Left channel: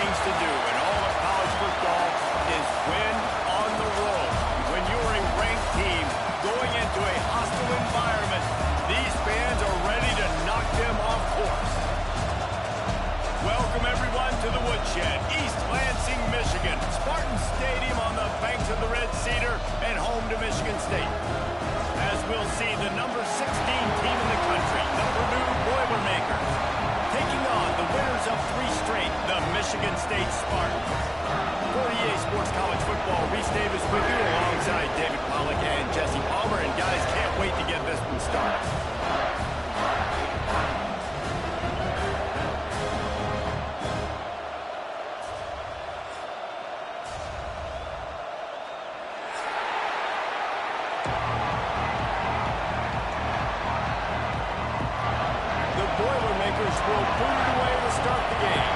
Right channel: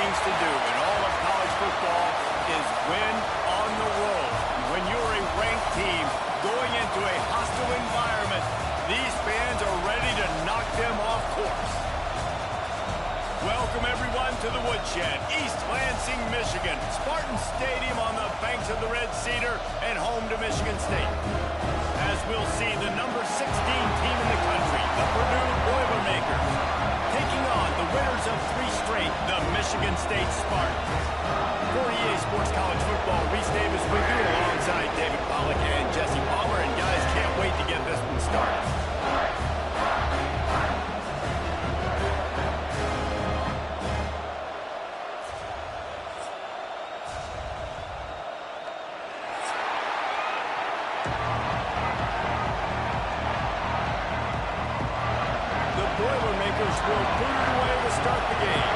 things to do in all of college football is win on the road. When you're a ranked team going into a hostile environment, these fans are ready to knock them off course. Welcome, everyone, to the Woodshed, East Lansing, Michigan. Spartan Stadium on the banks of the Red Cedar and home to Michigan State. As we'll see, the number 16 team in the country, the Purdue Boilermakers, taking on the winners of 3 straight, the Michigan State Spartans. For EA Sports College Football, Reese Davis with you alongside David Pollack and Jesse Palmer. And guys, can't wait to get this one started. Boilermakers will boot it away to start the game.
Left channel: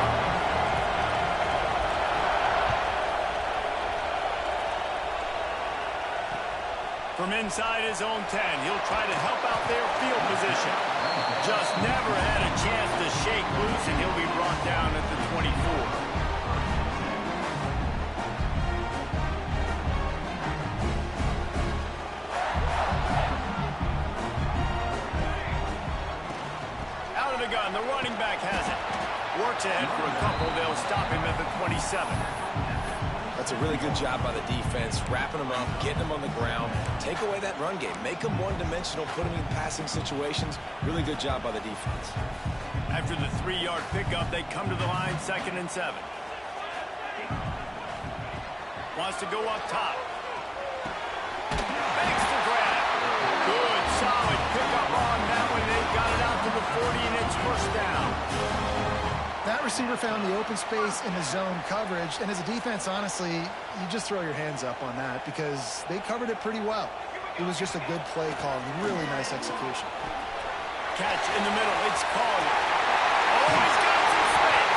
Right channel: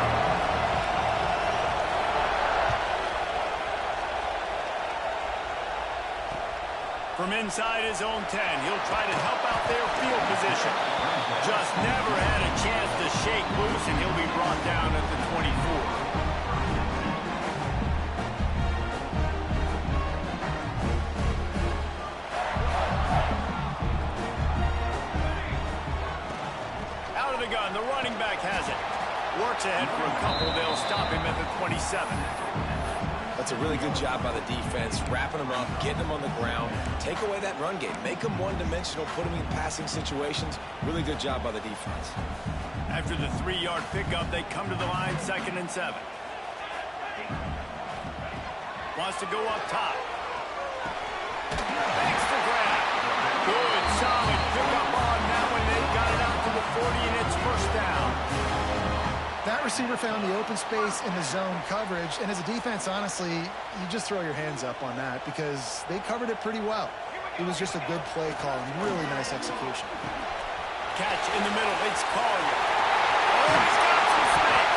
From inside his own 10, he'll try to help out their field position. Just never had a chance to shake loose, and he'll be brought down at the 24. The gun, the running back has it. Works ahead for a couple. They'll stop him at the 27. That's a really good job by the defense, wrapping them up, getting them on the ground. Take away that run game. Make them one-dimensional, put them in passing situations. Really good job by the defense. After the 3-yard pickup, they come to the line, 2nd and 7. Wants to go up top. Makes the grab. Good, solid pickup on that one. They've got it out to the 40, and it's first down. That receiver found the open space in the zone coverage, and as a defense, honestly, you just throw your hands up on that because they covered it pretty well. It was just a good play call and really nice execution. Catch in the middle. It's Collier. Oh, he's got some space.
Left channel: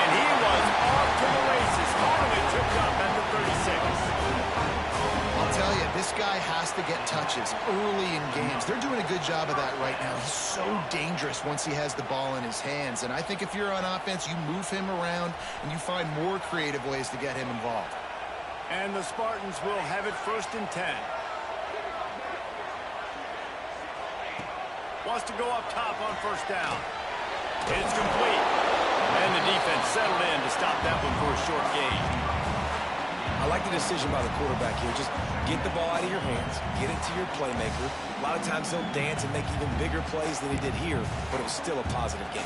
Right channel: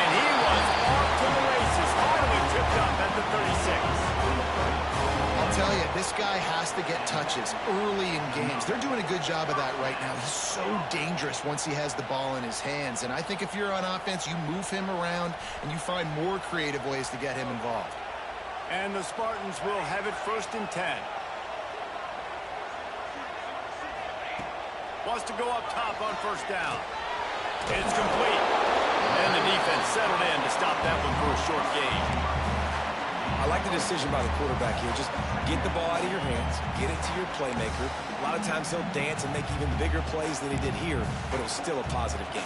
And he was off to the races. Finally tripped up at the 36. I'll tell you, this guy has to get touches early in games. They're doing a good job of that right now. He's so dangerous once he has the ball in his hands. And I think if you're on offense, you move him around and you find more creative ways to get him involved. And the Spartans will have it 1st and 10. Wants to go up top on 1st down. It's complete. And the defense settled in to stop that one for a short gain. I like the decision by the quarterback here. Just get the ball out of your hands, get it to your playmaker. A lot of times he'll dance and make even bigger plays than he did here, but it was still a positive game.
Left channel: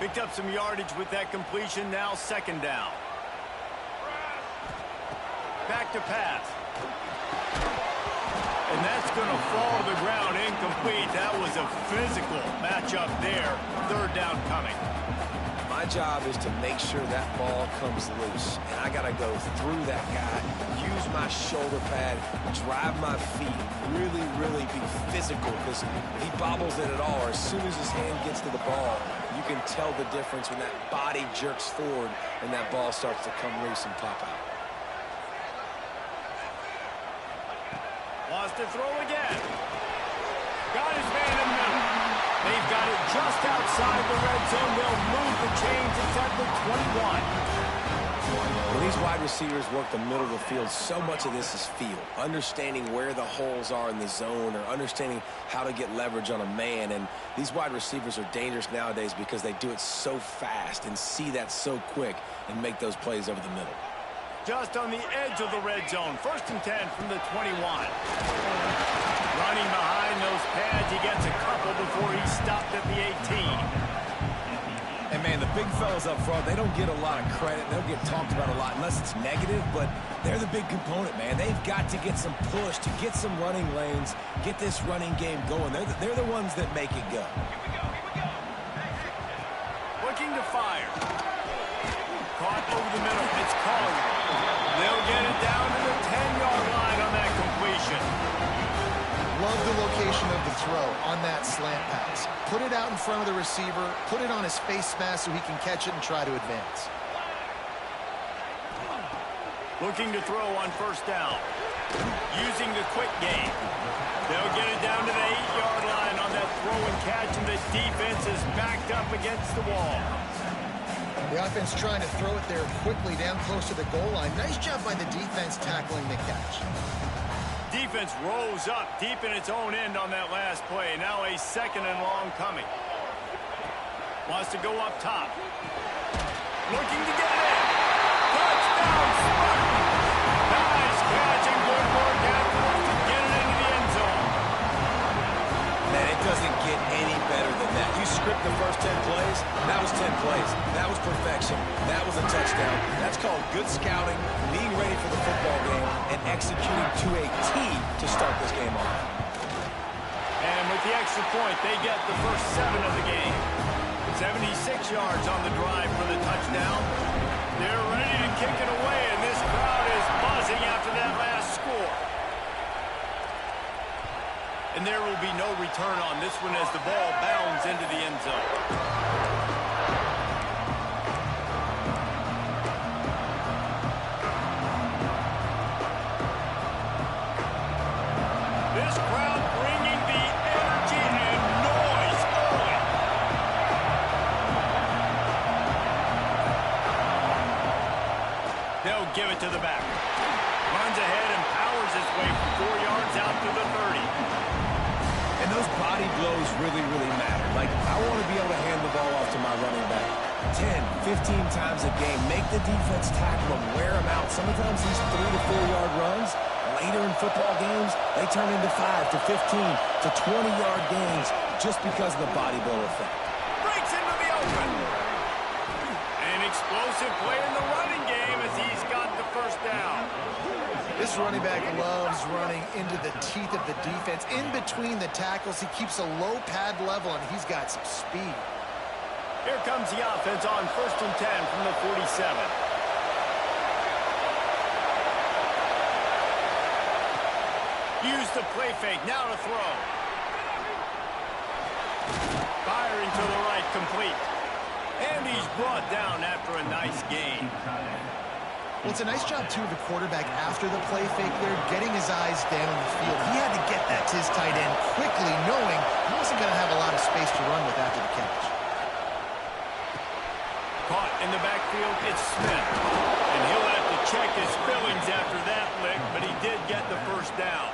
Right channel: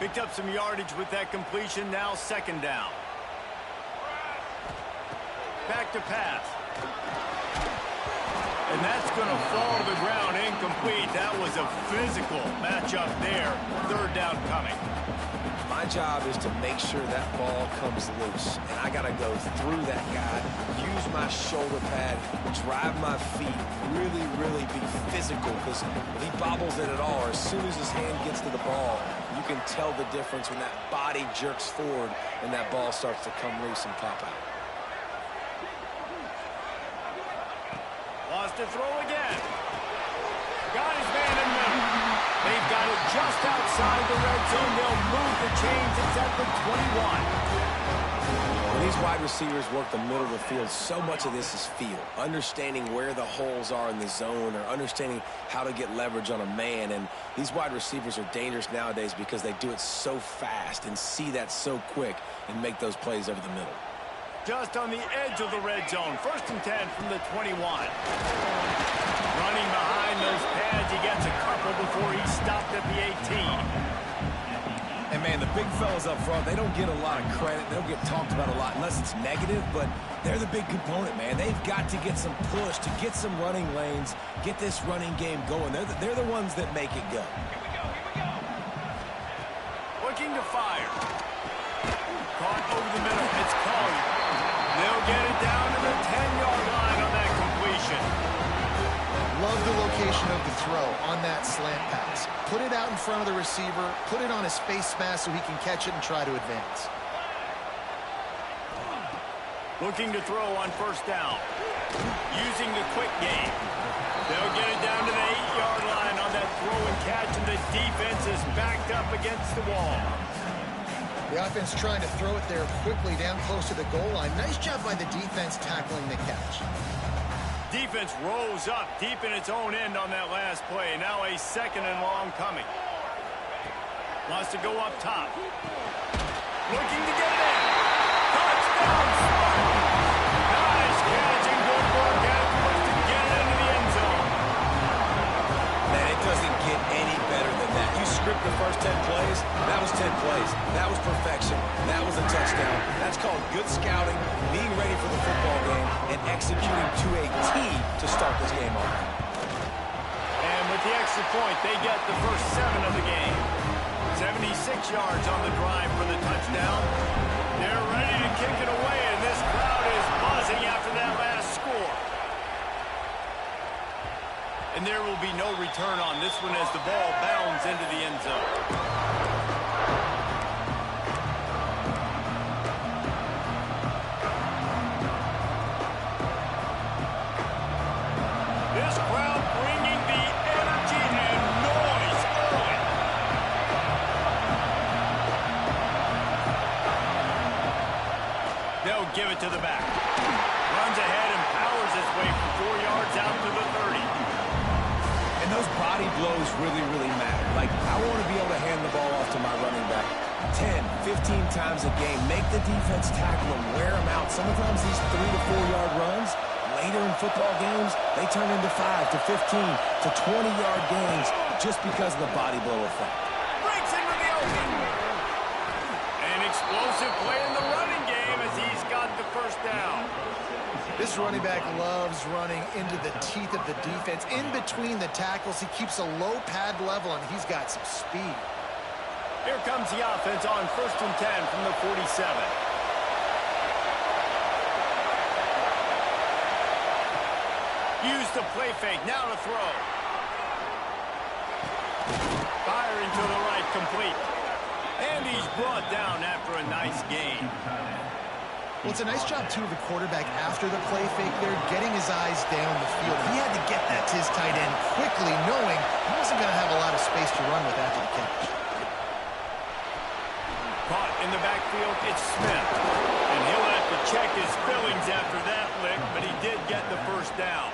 Picked up some yardage with that completion. Now 2nd down. Back to pass. And that's going to fall to the ground incomplete. That was a physical matchup there. 3rd down coming. My job is to make sure that ball comes loose. And I got to go through that guy, use my shoulder pad, drive my feet, really, really be physical. Because if he bobbles it at all, or as soon as his hand gets to the ball, you can tell the difference when that body jerks forward and that ball starts to come loose and pop out. Wants to throw again. Got his man in the middle. They've got it just outside the red zone. They'll move the chains. It's at the 21. When these wide receivers work the middle of the field, so much of this is feel. Understanding where the holes are in the zone or understanding how to get leverage on a man. And these wide receivers are dangerous nowadays because they do it so fast and see that so quick and make those plays over the middle. Just on the edge of the red zone. 1st and 10 from the 21. Running behind those pads. He gets a couple before he stopped at the 18. And, man, the big fellas up front, they don't get a lot of credit. They don't get talked about a lot unless it's negative, but they're the big component, man. They've got to get some push, to get some running lanes, get this running game going. They're the ones that make it go. Here we go. Looking to fire. Caught over the middle. It's Collier. They'll get it down to the 10-yard line on that completion. Love the location of the throw on that slant pass. Put it out in front of the receiver, put it on his face mask so he can catch it and try to advance. Looking to throw on 1st down. Using the quick game. They'll get it down to the 8-yard line on on that throw and catch, and the defense is backed up against the wall. The offense trying to throw it there quickly down close to the goal line. Nice job by the defense tackling the catch. Defense rose up deep in its own end on that last play. Now a 2nd and long coming. Wants to go up top. Looking to get it in. Touchdown, Spartans! Nice catch and good work afterwards to get it into the end zone. Man, it doesn't get any better than that. You script the first 10 plays, that was 10 plays. That was perfection. That was a touchdown. That's called good scouting, being ready for the football game, and executing to a T to start this game off. And with the extra point, they get the first 7 of the game. 76 yards on the drive for the touchdown. They're ready to kick it away, and this crowd is buzzing after that last score. And there will be no return on this one as the ball bounds into the end zone. This crowd bringing the energy and noise early. They'll give it to the back. Runs ahead and powers his way for 4 yards out to the 30. And those body blows really, really matter. Like, I want to be able to hand the ball off to my running back 10, 15 times a game. Make the defense tackle them, wear them out. Sometimes these 3 to 4 yard runs, later in football games, they turn into 5 to 15 to 20-yard gains just because of the body blow effect. Breaks into the open. An explosive play in the running game as he's got the first down. This running back loves running into the teeth of the defense. In between the tackles, he keeps a low pad level, and he's got some speed. Here comes the offense on 1st and 10 from the 47. Use the play fake, now to throw. Firing to the right, complete. And he's brought down after a nice gain. Well, it's a nice job, too, of the quarterback after the play fake there, getting his eyes down the field. He had to get that to his tight end quickly, knowing he wasn't going to have a lot of space to run with after the catch. Caught in the backfield, it's Smith. And he'll have to check his fillings after that lick, but he did get the first down.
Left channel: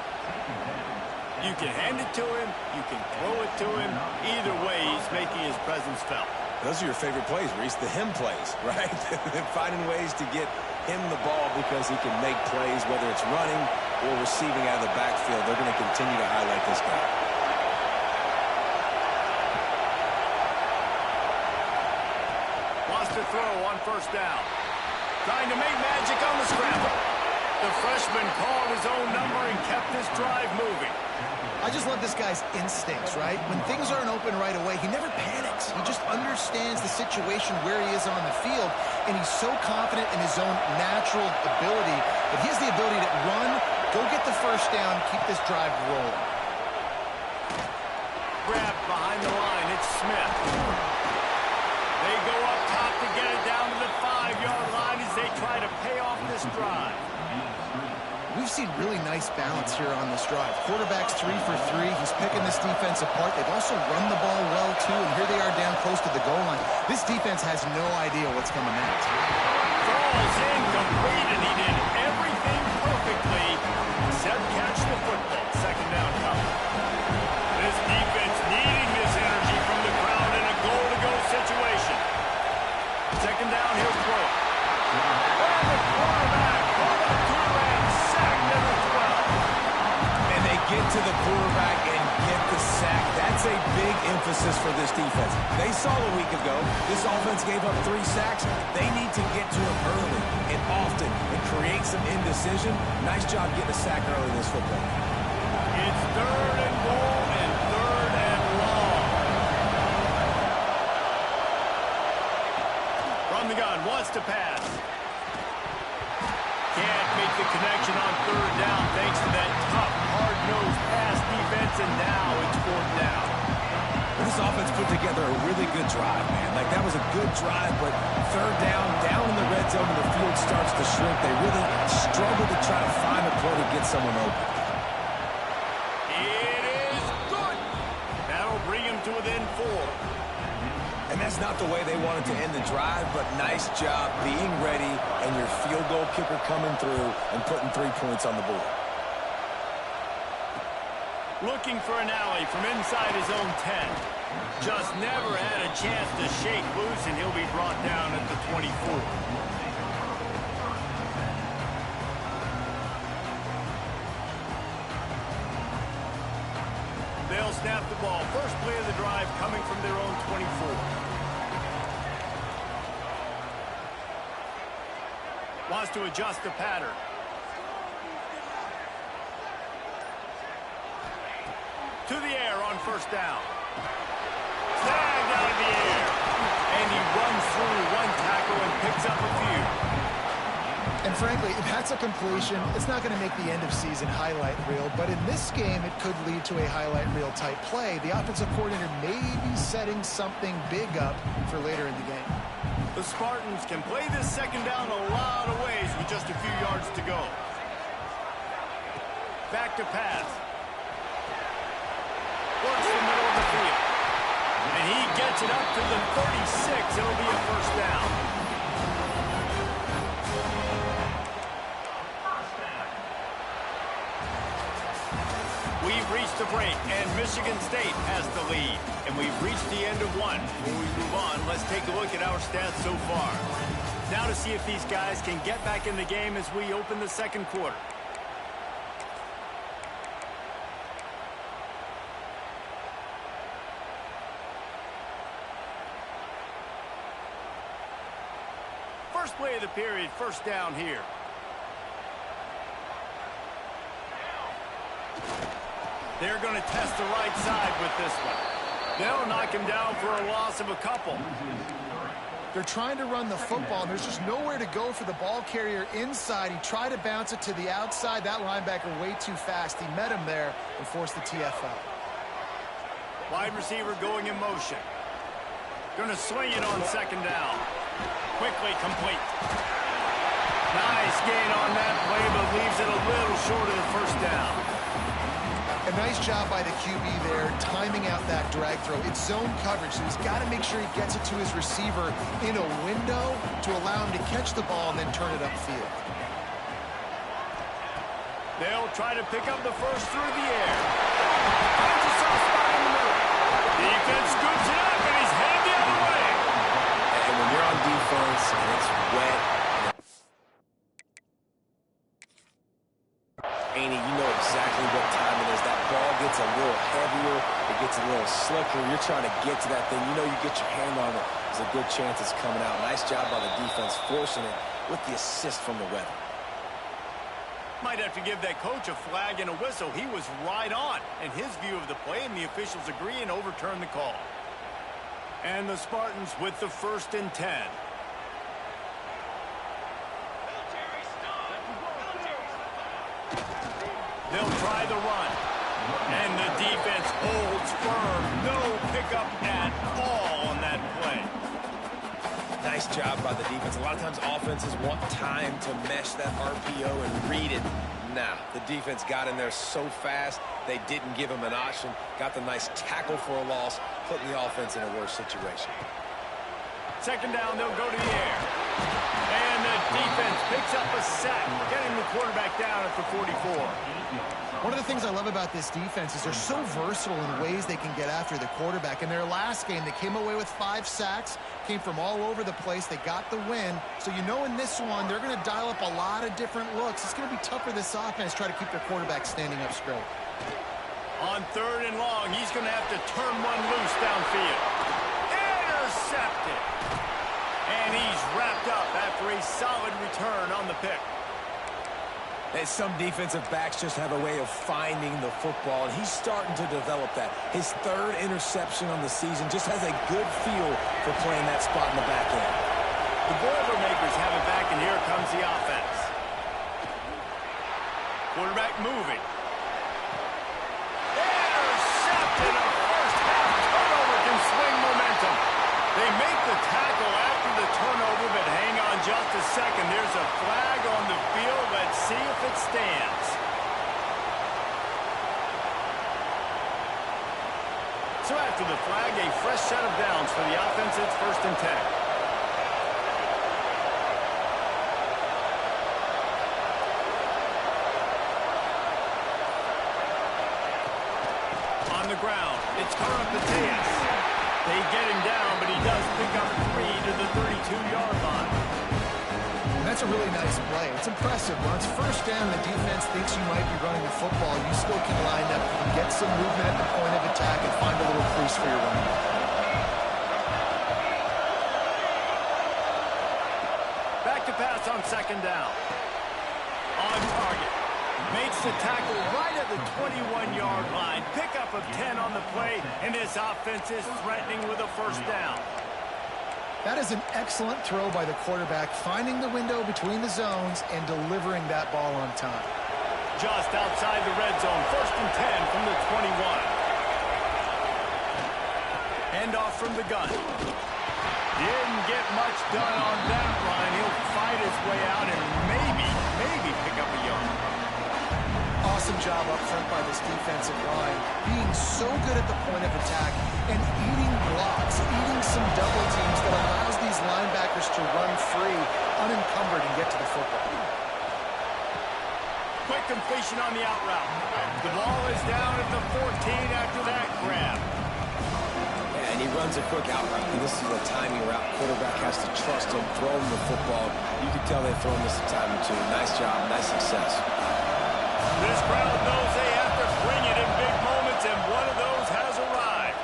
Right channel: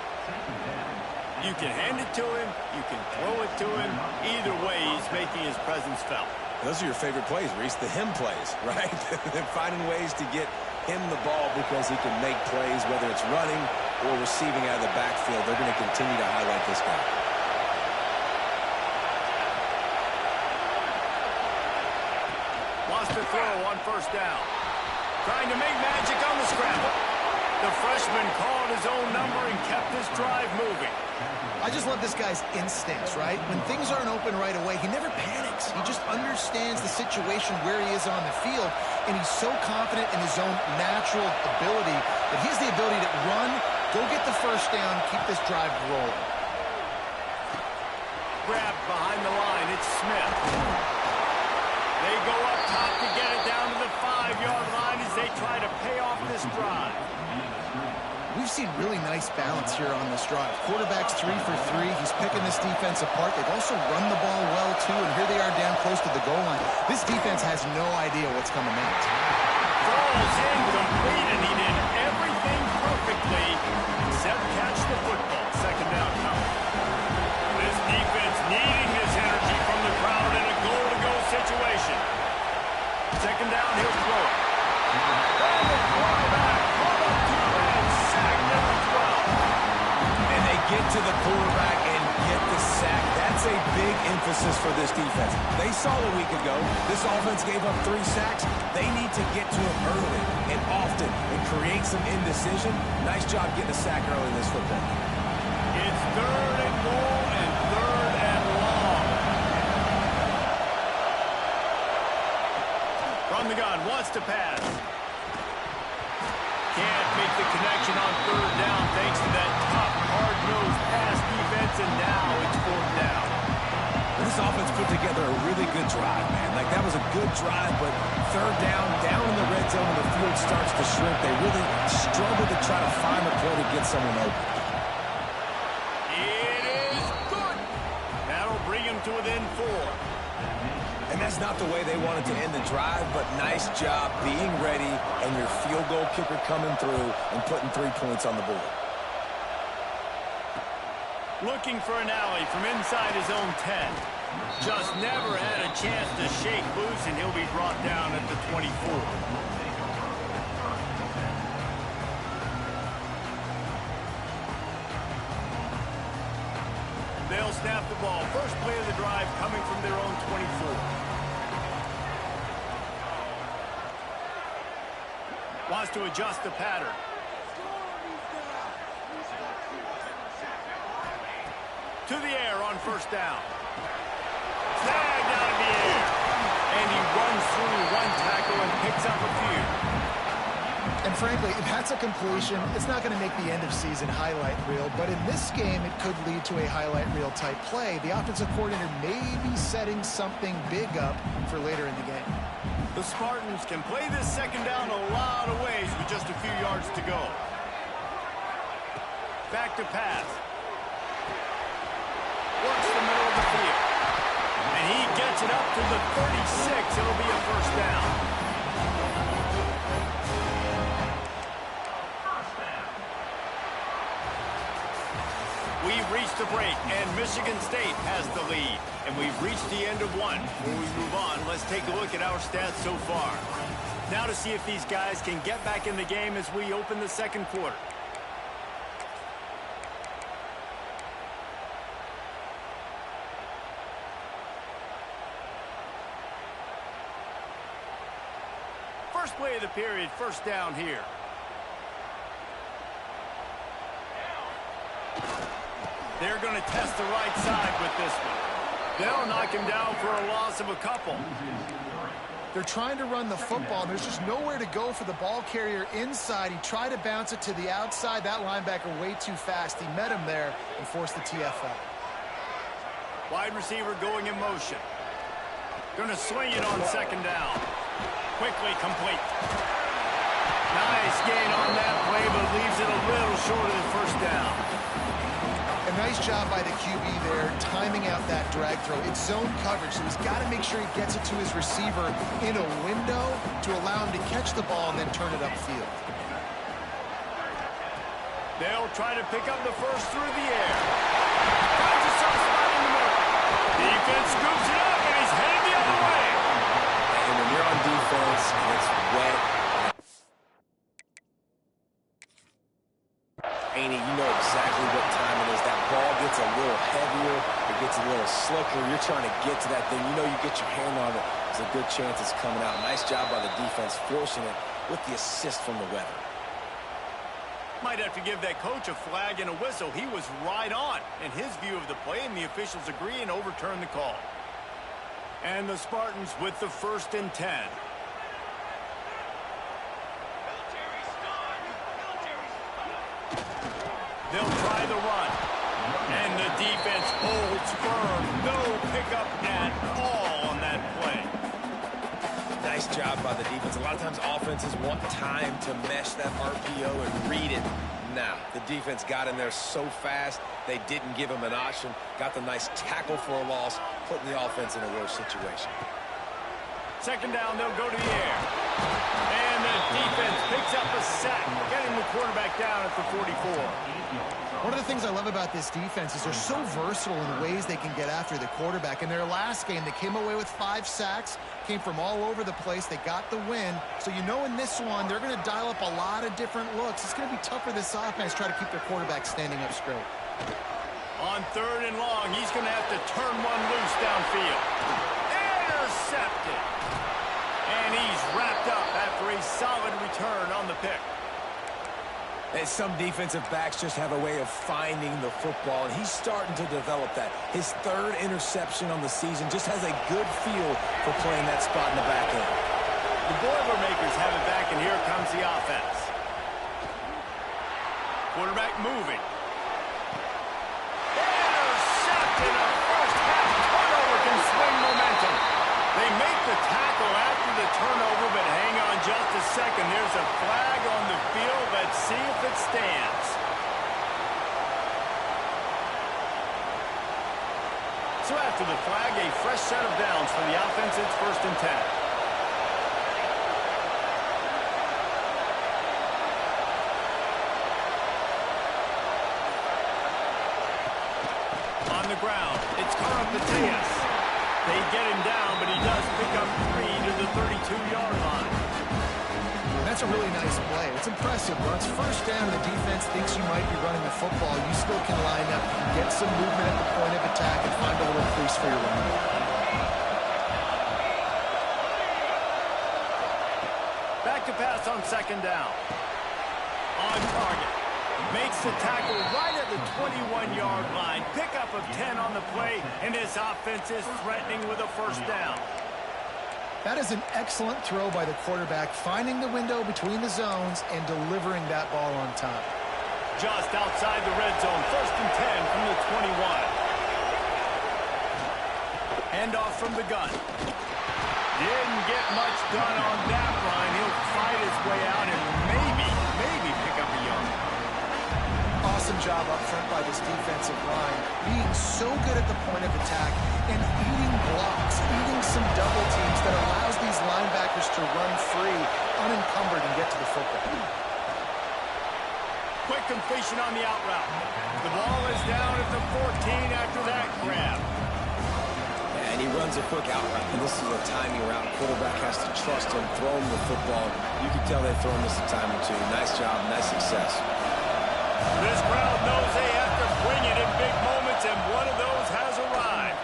You can hand it to him, you can throw it to him. Either way, he's making his presence felt. Those are your favorite plays, Reese, the him plays, right? Finding ways to get him the ball because he can make plays, whether it's running or receiving out of the backfield. They're going to continue to highlight this guy. Wants to throw on 1st down. Trying to make magic on the scramble. The freshman called his own number and kept this drive moving. I just love this guy's instincts, right? When things aren't open right away, he never panics. He just understands the situation where he is on the field, and he's so confident in his own natural ability that he has the ability to run, go get the first down, keep this drive rolling. Grabbed behind the line, it's Smith. They go up top to get it down to the 5-yard line as they try to pay off this drive. We've seen really nice balance here on this drive. Quarterback's 3 for 3. He's picking this defense apart. They've also run the ball well, too, and here they are down close to the goal line. This defense has no idea what's coming next. Falls incomplete, and he did everything perfectly except catch the football. 2nd down coming. This defense needing this energy from the crowd in a goal-to-go situation. 2nd down, he'll throw it. And the quarterback caught up to and sack number 12. And they get to the quarterback and get the sack. That's a big emphasis for this defense. They saw a week ago, this offense gave up 3 sacks. They need to get to him early and often and create some indecision. Nice job getting a sack early in this football game. It's 3rd and goal and 3rd and long. From the gun, wants to pass. Can't make the connection on 3rd down thanks to that tough, hard-nosed pass defense, and now it's 4th down. This offense put together a really good drive, man. Like, that was a good drive, but 3rd down in the red zone, and the field starts to shrink. They really struggle to try to find a play to get someone open. It is good. That'll them to within 4. And that's not the way they wanted to end the drive, but nice job being ready and your field goal kicker coming through and putting 3 points on the board. Looking for an alley from inside his own 10. Just never had a chance to shake loose, and he'll be brought down at the 24. They'll snap the ball. First play of the drive coming from their own 24. Wants to adjust the pattern. To the air on first down. Snagged out of the air. And he runs through one tackle and picks up a few. And frankly, if that's a completion, it's not going to make the end of season highlight reel, but in this game, it could lead to a highlight reel type play. The offensive coordinator may be setting something big up for later in the game. The Spartans can play this second down a lot of ways with just a few yards to go. Back to pass. Works the middle of the field. And he gets it up to the 36. It'll be a first down. We've reached the break, and Michigan State has the lead. And we've reached the end of one. Before we move on, let's take a look at our stats so far. Now to see if these guys can get back in the game as we open the second quarter. First play of the period, first down here. They're going to test the right side with this one. They'll knock him down for a loss of a couple. They're trying to run the football, and there's just nowhere to go for the ball carrier inside. He tried to bounce it to the outside. That linebacker way too fast. He met him there and forced the TFL. Wide receiver going in motion. Going to swing it on second down. Quickly complete. Nice gain on that play, but leaves it a little short of the first down. A nice job by the QB there, timing out that drag throw. It's zone coverage, so he's got to make sure he gets it to his receiver in a window to allow him to catch the ball and then turn it upfield. They'll try to pick up the first through the air. Finds a soft spot in the middle. Defense scoops it up, and he's headed the other way. And when you're on defense and it's wet, Andy, you know exactly what time it is. That ball gets a little heavier. It gets a little slicker. You're trying to get to that thing. You know you get your hand on it. There's a good chance it's coming out. Nice job by the defense forcing it with the assist from the weather. Might have to give that coach a flag and a whistle. He was right on in his view of the play, and the officials agree and overturn the call. And the Spartans with the 1st and 10. They'll try the run. And the defense holds firm. No pickup at all on that play. Nice job by the defense. A lot of times offenses want time to mesh that RPO and read it. Nah, the defense got in there so fast, they didn't give him an option. Got the nice tackle for a loss, putting the offense in a worse situation. Second down, they'll go to the air. And the defense picks up a sack, getting the quarterback down at the 44. One of the things I love about this defense is they're so versatile in ways they can get after the quarterback. In their last game, they came away with 5 sacks, came from all over the place. They got the win. So you know in this one, they're going to dial up a lot of different looks. It's going to be tough for this offense to try to keep their quarterback standing up straight. On 3rd and long, he's going to have to turn one loose downfield. Intercepted. And he's wrapped up after a solid return on the pick. And some defensive backs just have a way of finding the football, and he's starting to develop that. His 3rd interception on the season just has a good feel for playing that spot in the back end. The Boilermakers have it back, and here comes the offense. Quarterback moving. Intercepted. A first-half turnover can swing momentum. They make the tackle after the turnover, but hang on just a second. There's a flag on the field. Let's see if it stands. So after the flag, a fresh set of downs for the offense. It's 1st and 10. On the ground, it's Popadot. They get him down, but he does pick up 3 to the 32-yard line. That's a really nice play. It's impressive. When it's 1st down and the defense thinks you might be running the football, you still can line up, you can get some movement at the point of attack and find a little crease for your running back. Back to pass on 2nd down. On target. Makes the tackle right at the 21-yard line. Pickup of 10 on the play, and this offense is threatening with a 1st down. That is an excellent throw by the quarterback, finding the window between the zones and delivering that ball on time. Just outside the red zone, 1st and 10 from the 21. Handoff from the gun. Didn't get much done on that run. He'll fight his way out and maybe pick up a yard. Awesome job up front by this defensive line, being so good at the point of attack and eating blocks, eating some double teams that allows these linebackers to run free, unencumbered, and get to the football. Quick completion on the out route. The ball is down at the 14 after that grab. Yeah, and he runs a quick out route, and this is a timing route. Quarterback has to trust him, throw him the football. You can tell they've thrown this a time or two. Nice job, nice success. This crowd knows they have to bring it in big moments, and one of those has arrived.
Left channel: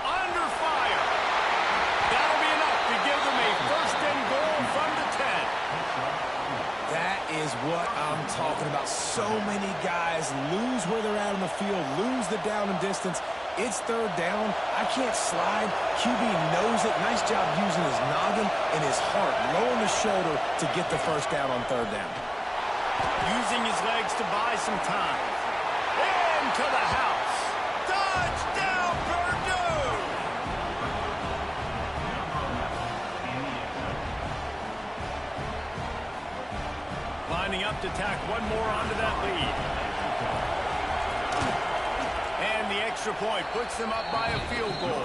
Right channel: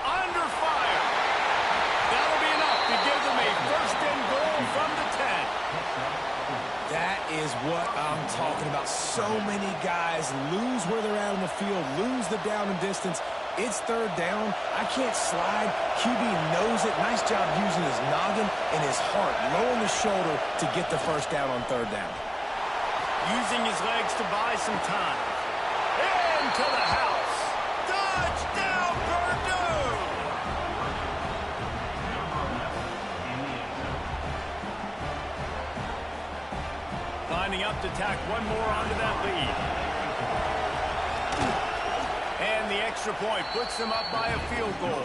Under fire. That'll be enough to give them a 1st and goal from the 10. That is what I'm talking about. So many guys lose where they're at on the field, lose the down and distance. It's 3rd down. I can't slide. QB knows it. Nice job using his noggin and his heart, lowering the shoulder to get the 1st down on 3rd down. Using his legs to buy some time. Into the house. Touchdown, Purdue! Lining up to tack one more onto that lead. And the extra point puts them up by a field goal.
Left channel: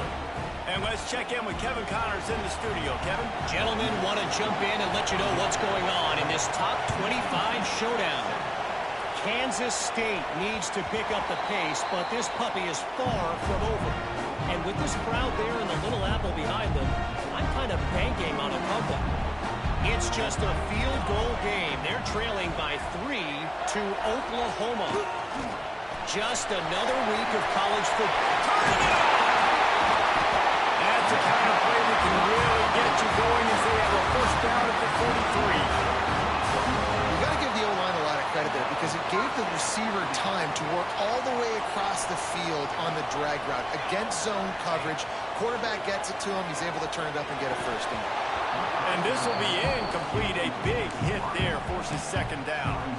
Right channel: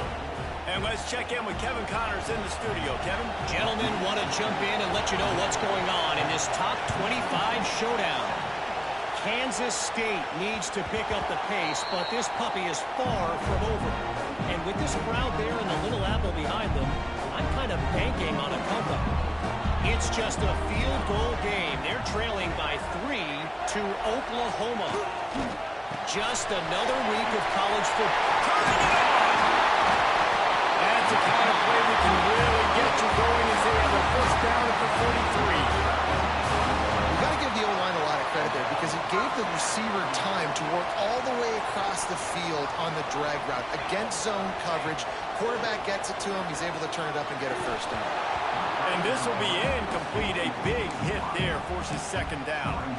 And let's check in with Kevin Connors in the studio. Kevin? Gentlemen, want to jump in and let you know what's going on in this top 25 showdown. Kansas State needs to pick up the pace, but this puppy is far from over. And with this crowd there and the Little Apple behind them, I'm kind of banking on a comeback. It's just a field goal game. They're trailing by 3 to Oklahoma. Just another week of college football. Turning it on! That's the kind of play that can really get you going as they have a 1st down at the 43. You've got to give the O-line a lot of credit there because it gave the receiver time to work all the way across the field on the drag route against zone coverage. Quarterback gets it to him. He's able to turn it up and get a 1st down. And this will be incomplete. A big hit there forces 2nd down.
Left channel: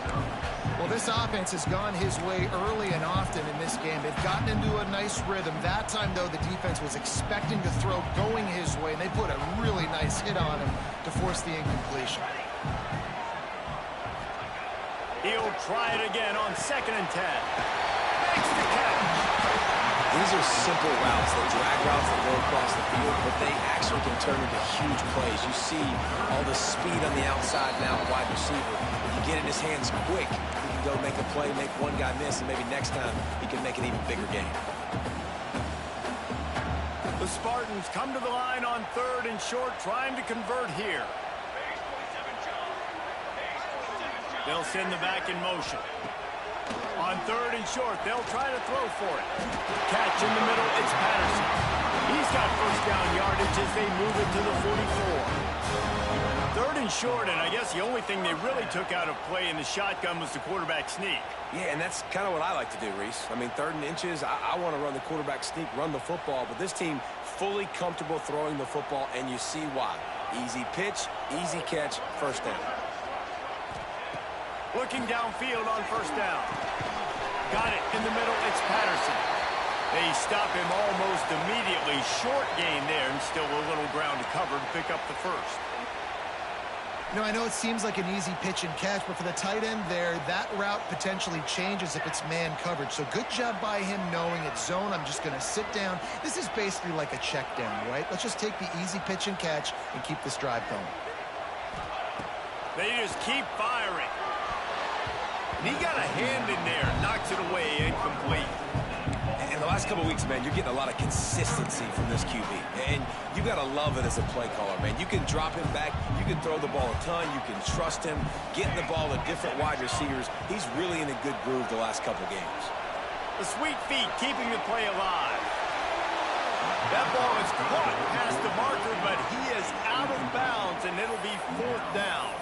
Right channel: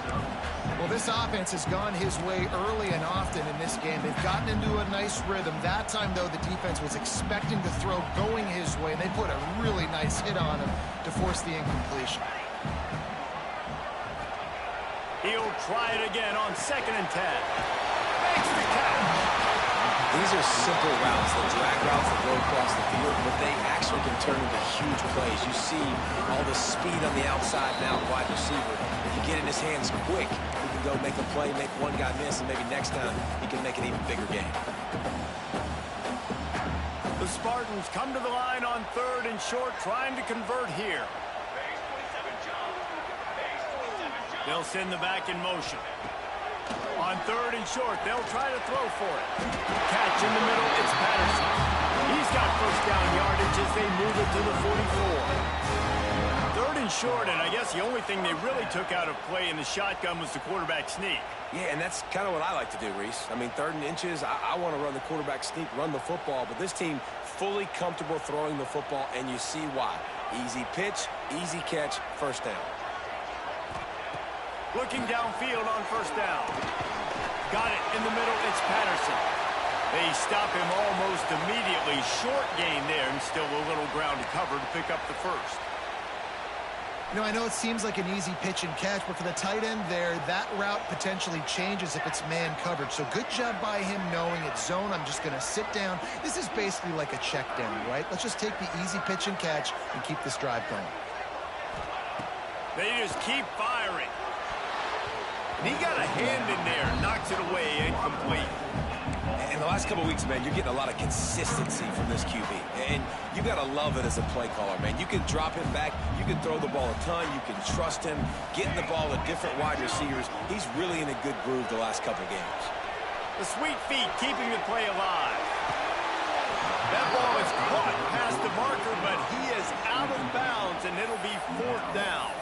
Well, this offense has gone his way early and often in this game. They've gotten into a nice rhythm. That time, though, the defense was expecting to throw going his way, and they put a really nice hit on him to force the incompletion. He'll try it again on 2nd and 10. Makes the catch. These are simple routes, the drag routes that go across the field, but they actually can turn into huge plays. You see all the speed on the outside now, wide receiver. If you get in his hands quick, he can go make a play, make one guy miss, and maybe next time he can make an even bigger game. The Spartans come to the line on 3rd and short, trying to convert here. They'll send the back in motion. On 3rd and short, they'll try to throw for it. Catch in the middle, it's Patterson. He's got 1st down yardage as they move it to the 44. 3rd and short, and I guess the only thing they really took out of play in the shotgun was the quarterback sneak. Yeah, and that's kind of what I like to do, Reese. I mean, 3rd and inches, I want to run the quarterback sneak, run the football, but this team fully comfortable throwing the football, and you see why. Easy pitch, easy catch, 1st down. Looking downfield on 1st down. Got it in the middle, it's Patterson. They stop him almost immediately. Short gain there, and still a little ground to cover to pick up the 1st. You know, I know it seems like an easy pitch and catch, but for the tight end there, that route potentially changes if it's man coverage. So good job by him knowing it's zone. I'm just going to sit down. This is basically like a check down, right? Let's just take the easy pitch and catch and keep this drive going. They just keep firing. And he got a hand in there, knocks it away, incomplete. In the last couple of weeks, man, you're getting a lot of consistency from this QB. And you got to love it as a play caller, man. You can drop him back. You can throw the ball a ton. You can trust him, getting the ball to different wide receivers. He's really in a good groove the last couple of games. The sweet feet keeping the play alive. That ball is caught past the marker, but he is out of bounds, and it'll be 4th down.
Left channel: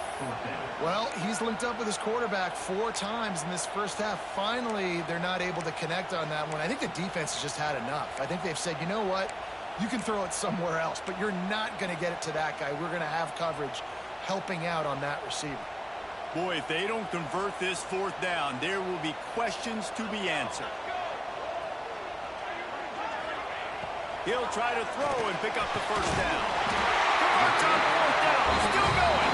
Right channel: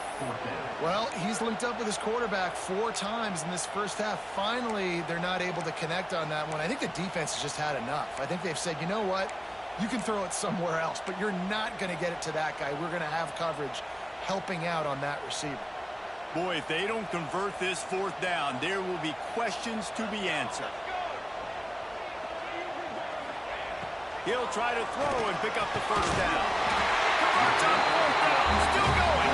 Well, he's linked up with his quarterback 4 times in this first half. Finally, they're not able to connect on that one. I think the defense has just had enough. I think they've said, you know what? You can throw it somewhere else, but you're not going to get it to that guy. We're going to have coverage helping out on that receiver. Boy, if they don't convert this 4th down, there will be questions to be answered. He'll try to throw and pick up the 1st down. Converts on 4th down. Still going.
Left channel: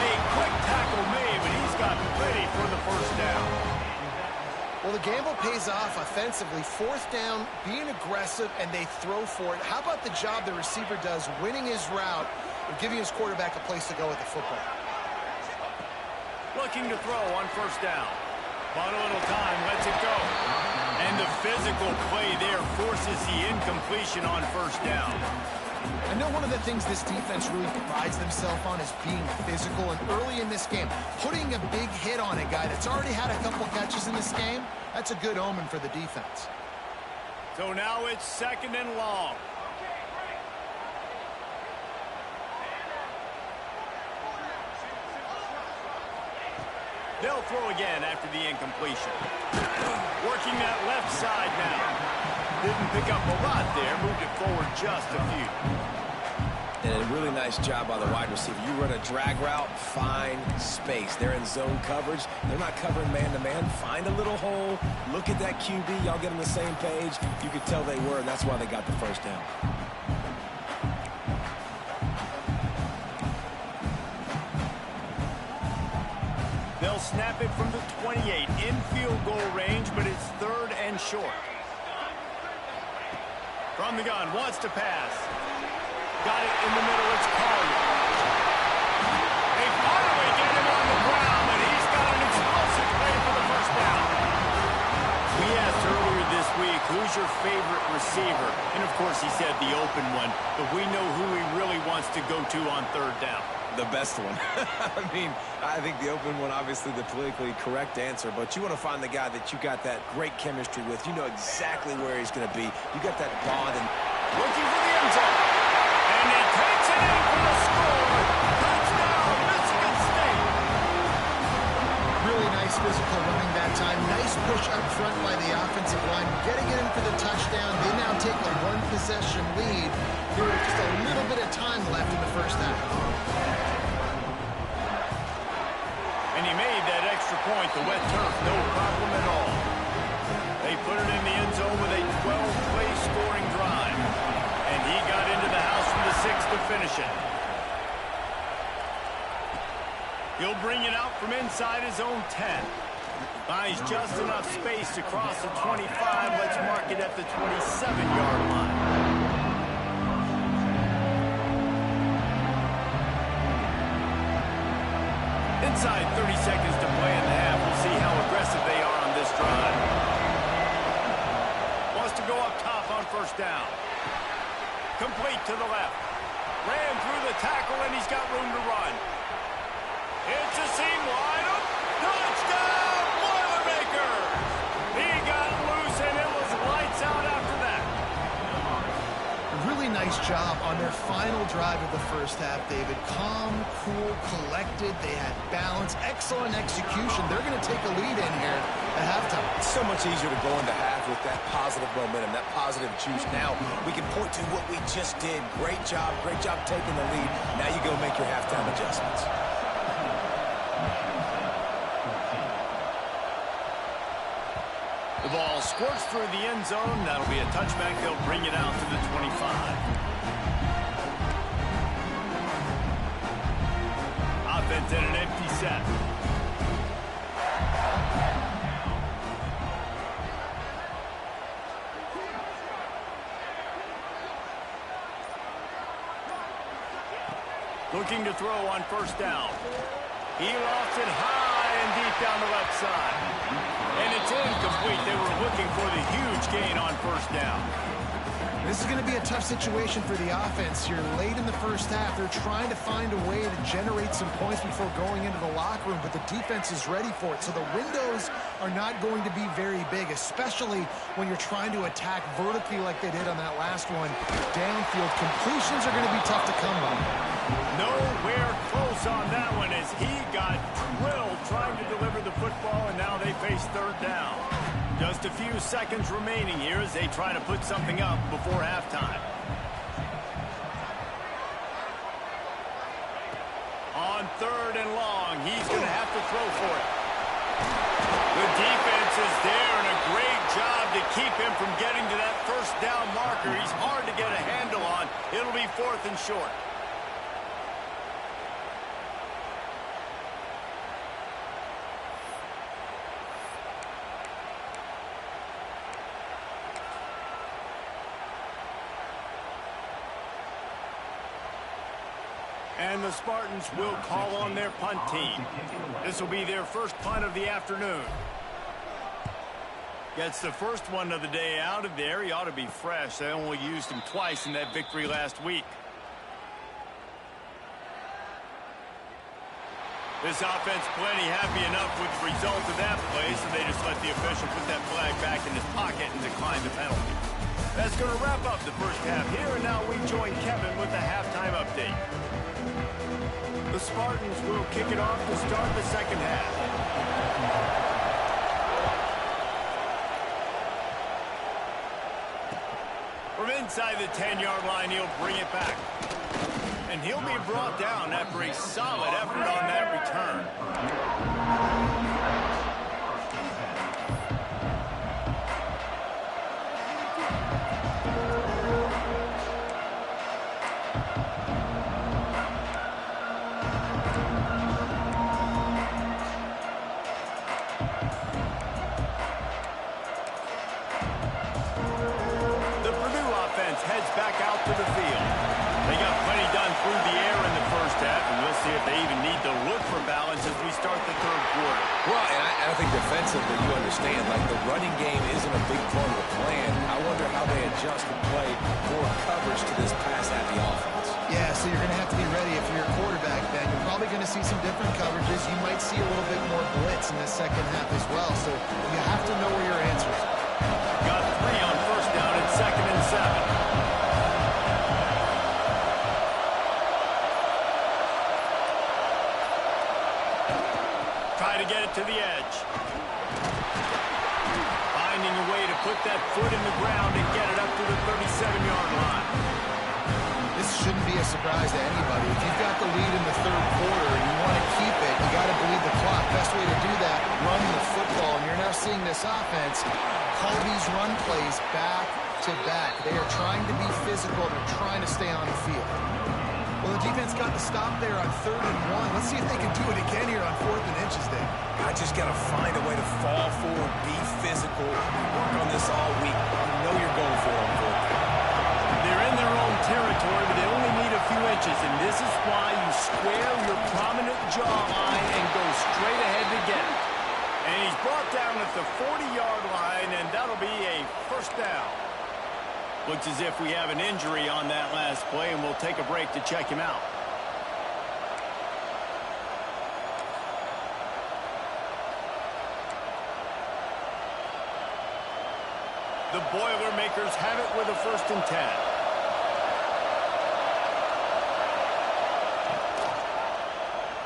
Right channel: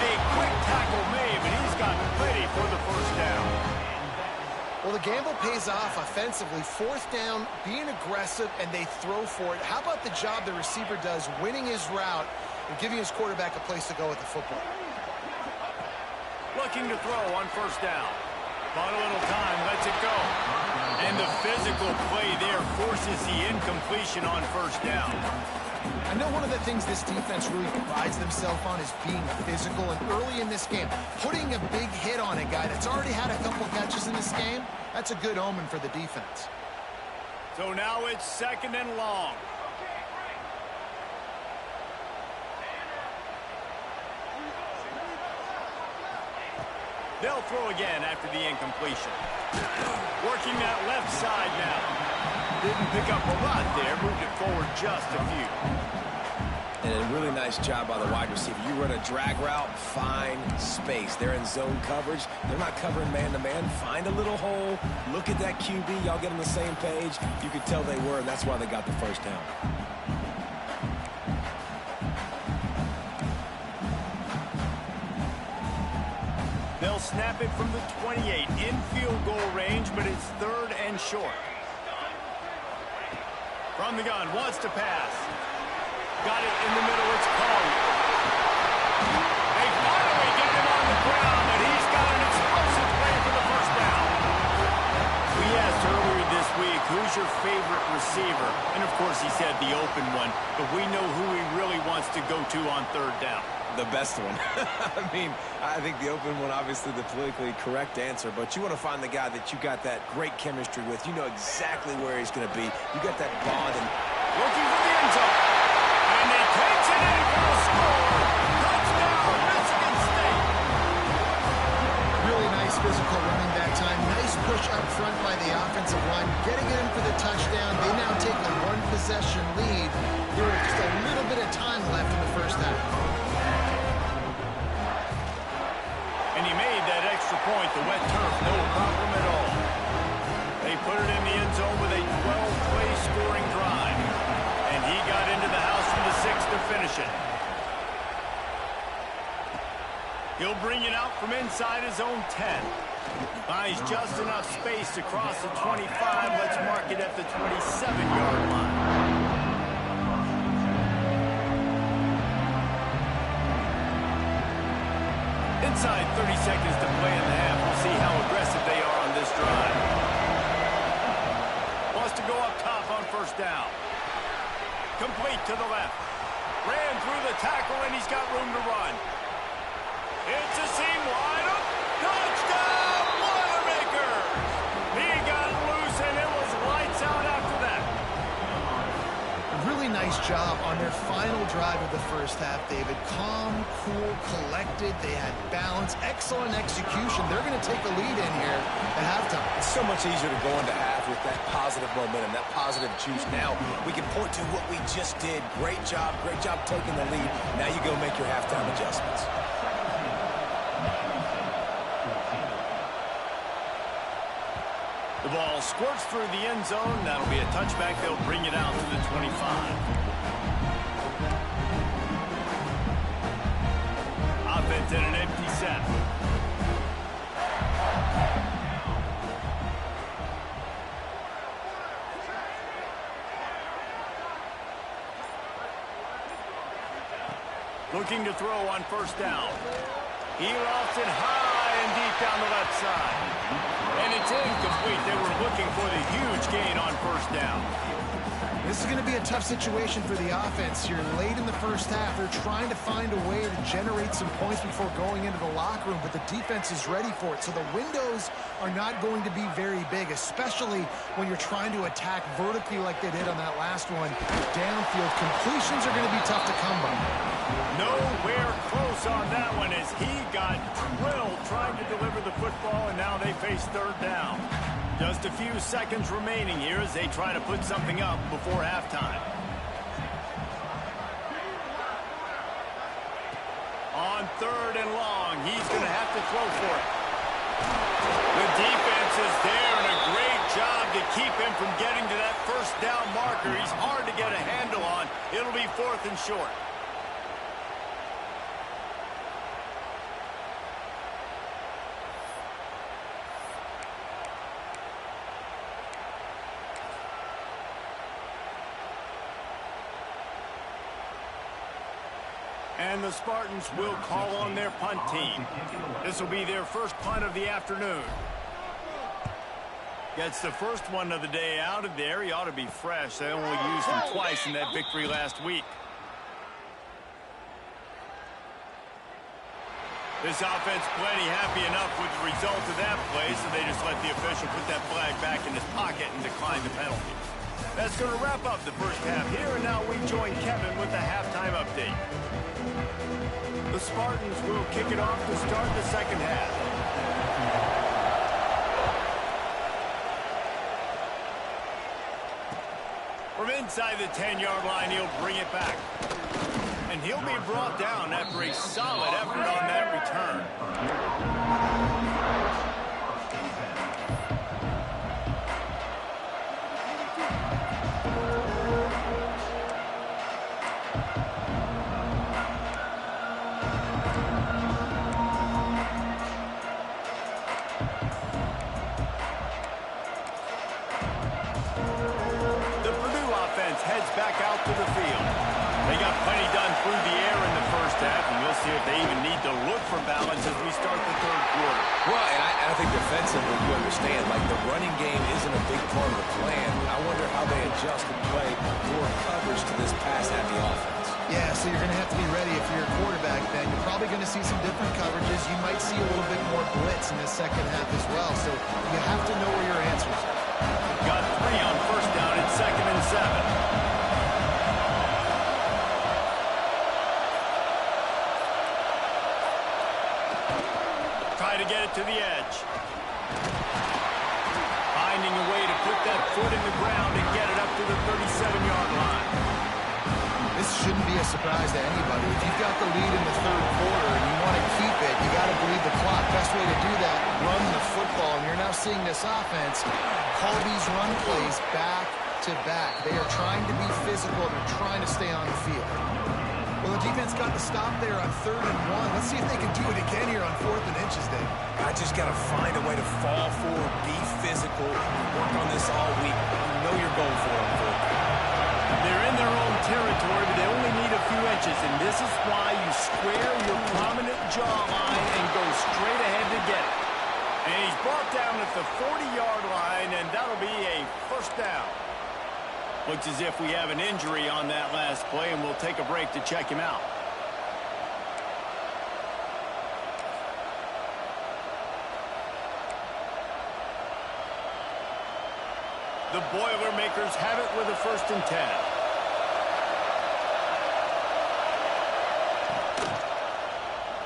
A quick tackle made, but he's got ready for the 1st down. Well, the gamble pays off offensively. 4th down, being aggressive, and they throw for it. How about the job the receiver does winning his route and giving his quarterback a place to go with the football? Looking to throw on 1st down. Bought a little time, lets it go. And the physical play there forces the incompletion on 1st down. I know one of the things this defense really prides themselves on is being physical, and early in this game, putting a big hit on a guy that's already had a couple catches in this game, that's a good omen for the defense. So now it's 2nd and long. They'll throw again after the incompletion. Working that left side now. Didn't pick up a lot there, moved it forward just a few. And a really nice job by the wide receiver. You run a drag route, find space. They're in zone coverage. They're not covering man-to-man. Find a little hole. Look at that QB. Y'all get on the same page. You could tell they were, and that's why they got the 1st down. They'll snap it from the 28 in field goal range, but it's 3rd and short. From the gun, wants to pass. Got it in the middle, it's Collier. They finally get him on the ground, and he's got an explosive play for the 1st down. We asked earlier this week, who's your favorite receiver? And of course he said the open one, but we know who he really wants to go to on 3rd down. The best one. I mean, I think the open one, obviously the politically correct answer, but you want to find the guy that you got that great chemistry with. You know exactly where he's going to be. You got that bond. And looking for the end zone. And he takes it in for the score. Touchdown, Michigan State. Really nice physical running that time. Nice push up front by the offensive line. Getting it in for the touchdown. They now take a 1-possession lead. There was just a little bit of time left in the 1st half. And he made that extra point, the wet turf, no problem at all. They put it in the end zone with a 12-play scoring drive. And he got into the house from the 6 to finish it. He'll bring it out from inside his own 10. Finds just enough space to cross the 25. Let's mark it at the 27-yard line. Inside 30 seconds to play in the half. We'll see how aggressive they are on this drive. Wants to go up top on 1st down. Complete to the left. Ran through the tackle, and he's got room to run. It's a seam wide open. Touchdown, Boilermakers! He got loose, and it was lights out after that. A really nice job on their final drive of the 1st half, David. Calm, cool, collected. They had balance. Excellent execution. They're going to take a lead in here at halftime. it's so much easier to go into half with that positive momentum, that positive juice. Now we can point to what we just did. Great job taking the lead. Now you go make your halftime adjustments. The ball squirts through the end zone. That'll be a touchback. They'll bring it out to the 25. offense in an empty set. Looking to throw on first down. He lofts it high and deep down the left side. And it's incomplete. They were looking for the huge gain on first down. This is going to be a tough situation for the offense here. Late in the first half, they're trying to find a way to generate some points before going into the locker room, but the defense is ready for it. So the windows are not going to be very big, especially when you're trying to attack vertically like they did on that last one. Downfield completions are going to be tough to come by. Nowhere close on that one as he got drilled trying to deliver the football, and now they face third down. Just a few seconds remaining here as they try to put something up before halftime. On third and long, he's going to have to throw for it. The defense is there, and a great job to keep him from getting to that first down marker. He's hard to get a handle on. It'll be 4th and short. And the Spartans will call on their punt team. This will be their first punt of the afternoon. Gets the first one of the day out of there. He ought to be fresh. They only used him twice in that victory last week. This offense plenty happy enough with the result of that play, so they just let the official put that flag back in his pocket and decline the penalty. That's going to wrap up the first half here, and now we join Kevin with the halftime update. The Spartans will kick it off to start the second half. From inside the 10-yard line, he'll bring it back. And he'll be brought down after a solid effort on that return. Heads back out to the field. They got plenty done through the air in the first half, and we'll see if they even need to look for balance as we start the third quarter. Well, and I think defensively, you understand, like the running game isn't a big part of the plan. I wonder how they adjust and play more coverage to this pass-happy offense. Yeah, so you're going to have to be ready if you're a quarterback, Ben. You're probably going to see some different coverages. You might see a little bit more blitz in the second half as well, so you have to know where your answers are. Got 3 on first down at 2nd and 7. Try to get it to the edge. Finding a way to put that foot in the ground and get it up to the 37-yard line. This shouldn't be a surprise to anybody. If you've got the lead in the third quarter and you want to keep it, you got to bleed the clock. Best way to do that, run the football. And you're now seeing this offense call these run plays back to back. They are trying to be physical. They're trying to stay on the field. Well, the defense got the stop there on 3rd and 1. Let's see if they can do it again here on 4th and inches, Dave. I just got to find a way to fall forward, be physical, work on this all week. You know you're going for it on 4th down. They're in their own territory, but they only need a few inches, and this is why you square your prominent jawline and go straight ahead to get it. And he's brought down at the 40-yard line, and that'll be a first down. Looks as if we have an injury on that last play, and we'll take a break to check him out. The Boilermakers have it with a 1st and 10.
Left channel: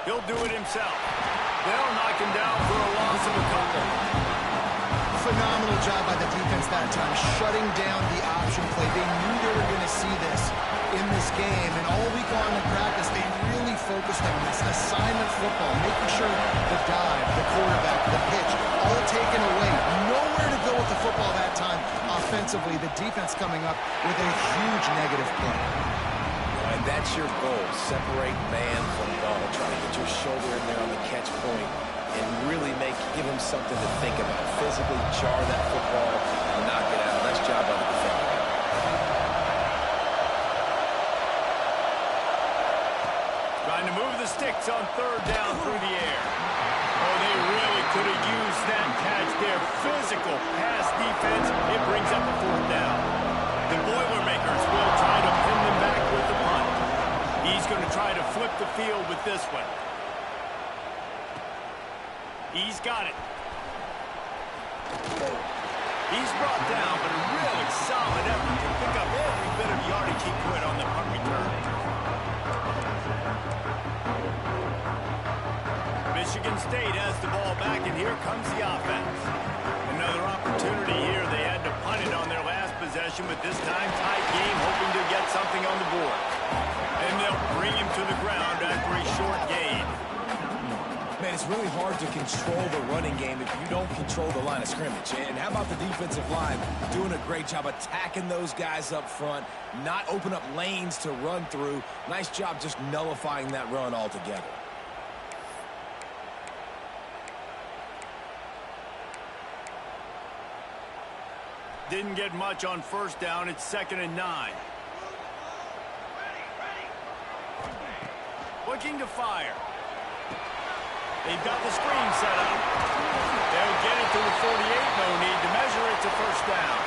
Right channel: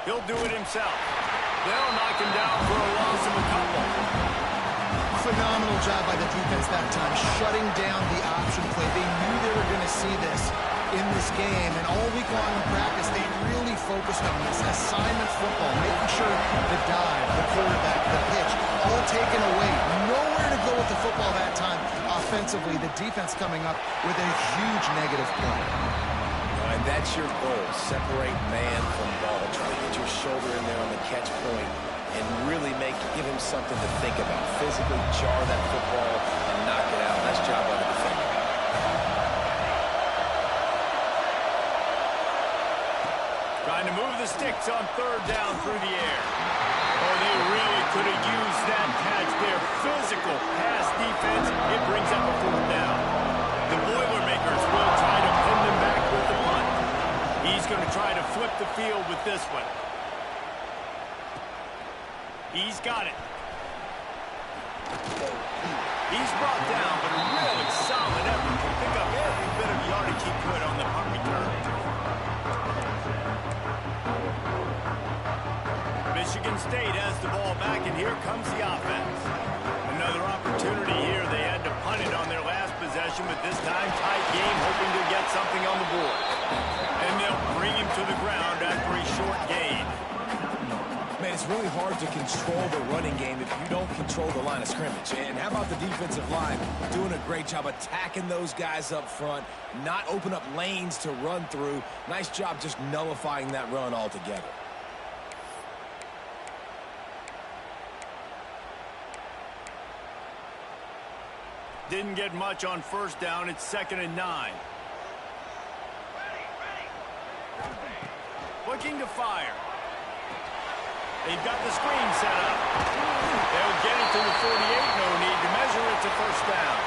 He'll do it himself. They'll knock him down for a loss of a couple. Phenomenal job by the defense that time, shutting down the option play. They knew they were going to see this in this game, and all week long in practice, they really focused on this assignment football, making sure the dive, the quarterback, the pitch, all taken away. Nowhere to go with the football that time offensively. The defense coming up with a huge negative play. And that's your goal. Separate man from ball. Try to get your shoulder in there on the catch point and really give him something to think about. Physically jar that football and knock it out. Nice job by the defender. Trying to move the sticks on third down through the air. Oh, they really could have used that catch there. Physical pass defense. It brings up a fourth down. The Boilermakers will try to pin them back with the punt. He's going to try to flip the field with this one. He's got it. He's brought down, but a really solid effort to pick up every bit of yardage he could on the punt return. Michigan State has the ball back, and here comes the offense. Another opportunity here. They had to punt it on their last possession, but this time tight game, hoping to get something on the board. And they'll bring him to the ground after a short gain. Man, it's really hard to control the running game if you don't control the line of scrimmage. And how about the defensive line doing a great job attacking those guys up front, not open up lanes to run through. Nice job just nullifying that run altogether. Didn't get much on first down. It's 2nd and 9. Looking to fire. They've got the screen set up. They'll get it to the 48. No need to measure. It's a first down.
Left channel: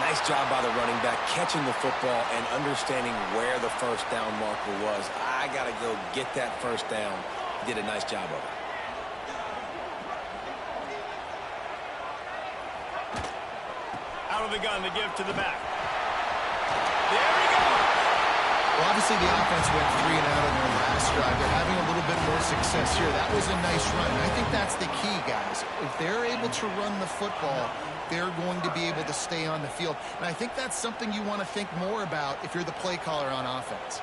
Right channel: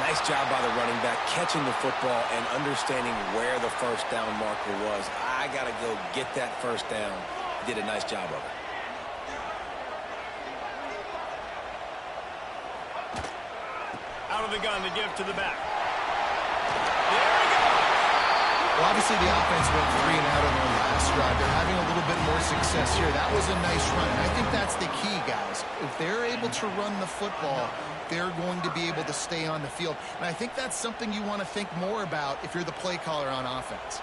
Nice job by the running back, catching the football and understanding where the first down marker was. I got to go get that first down. He did a nice job of it. Out of the gun to give to the back. There he goes. Well, obviously the offense went 3 and out on their last drive. They're having a little bit more success here. That was a nice run, and I think that's the key, guys. If they're able to run the football, they're going to be able to stay on the field. And I think that's something you want to think more about if you're the play caller on offense.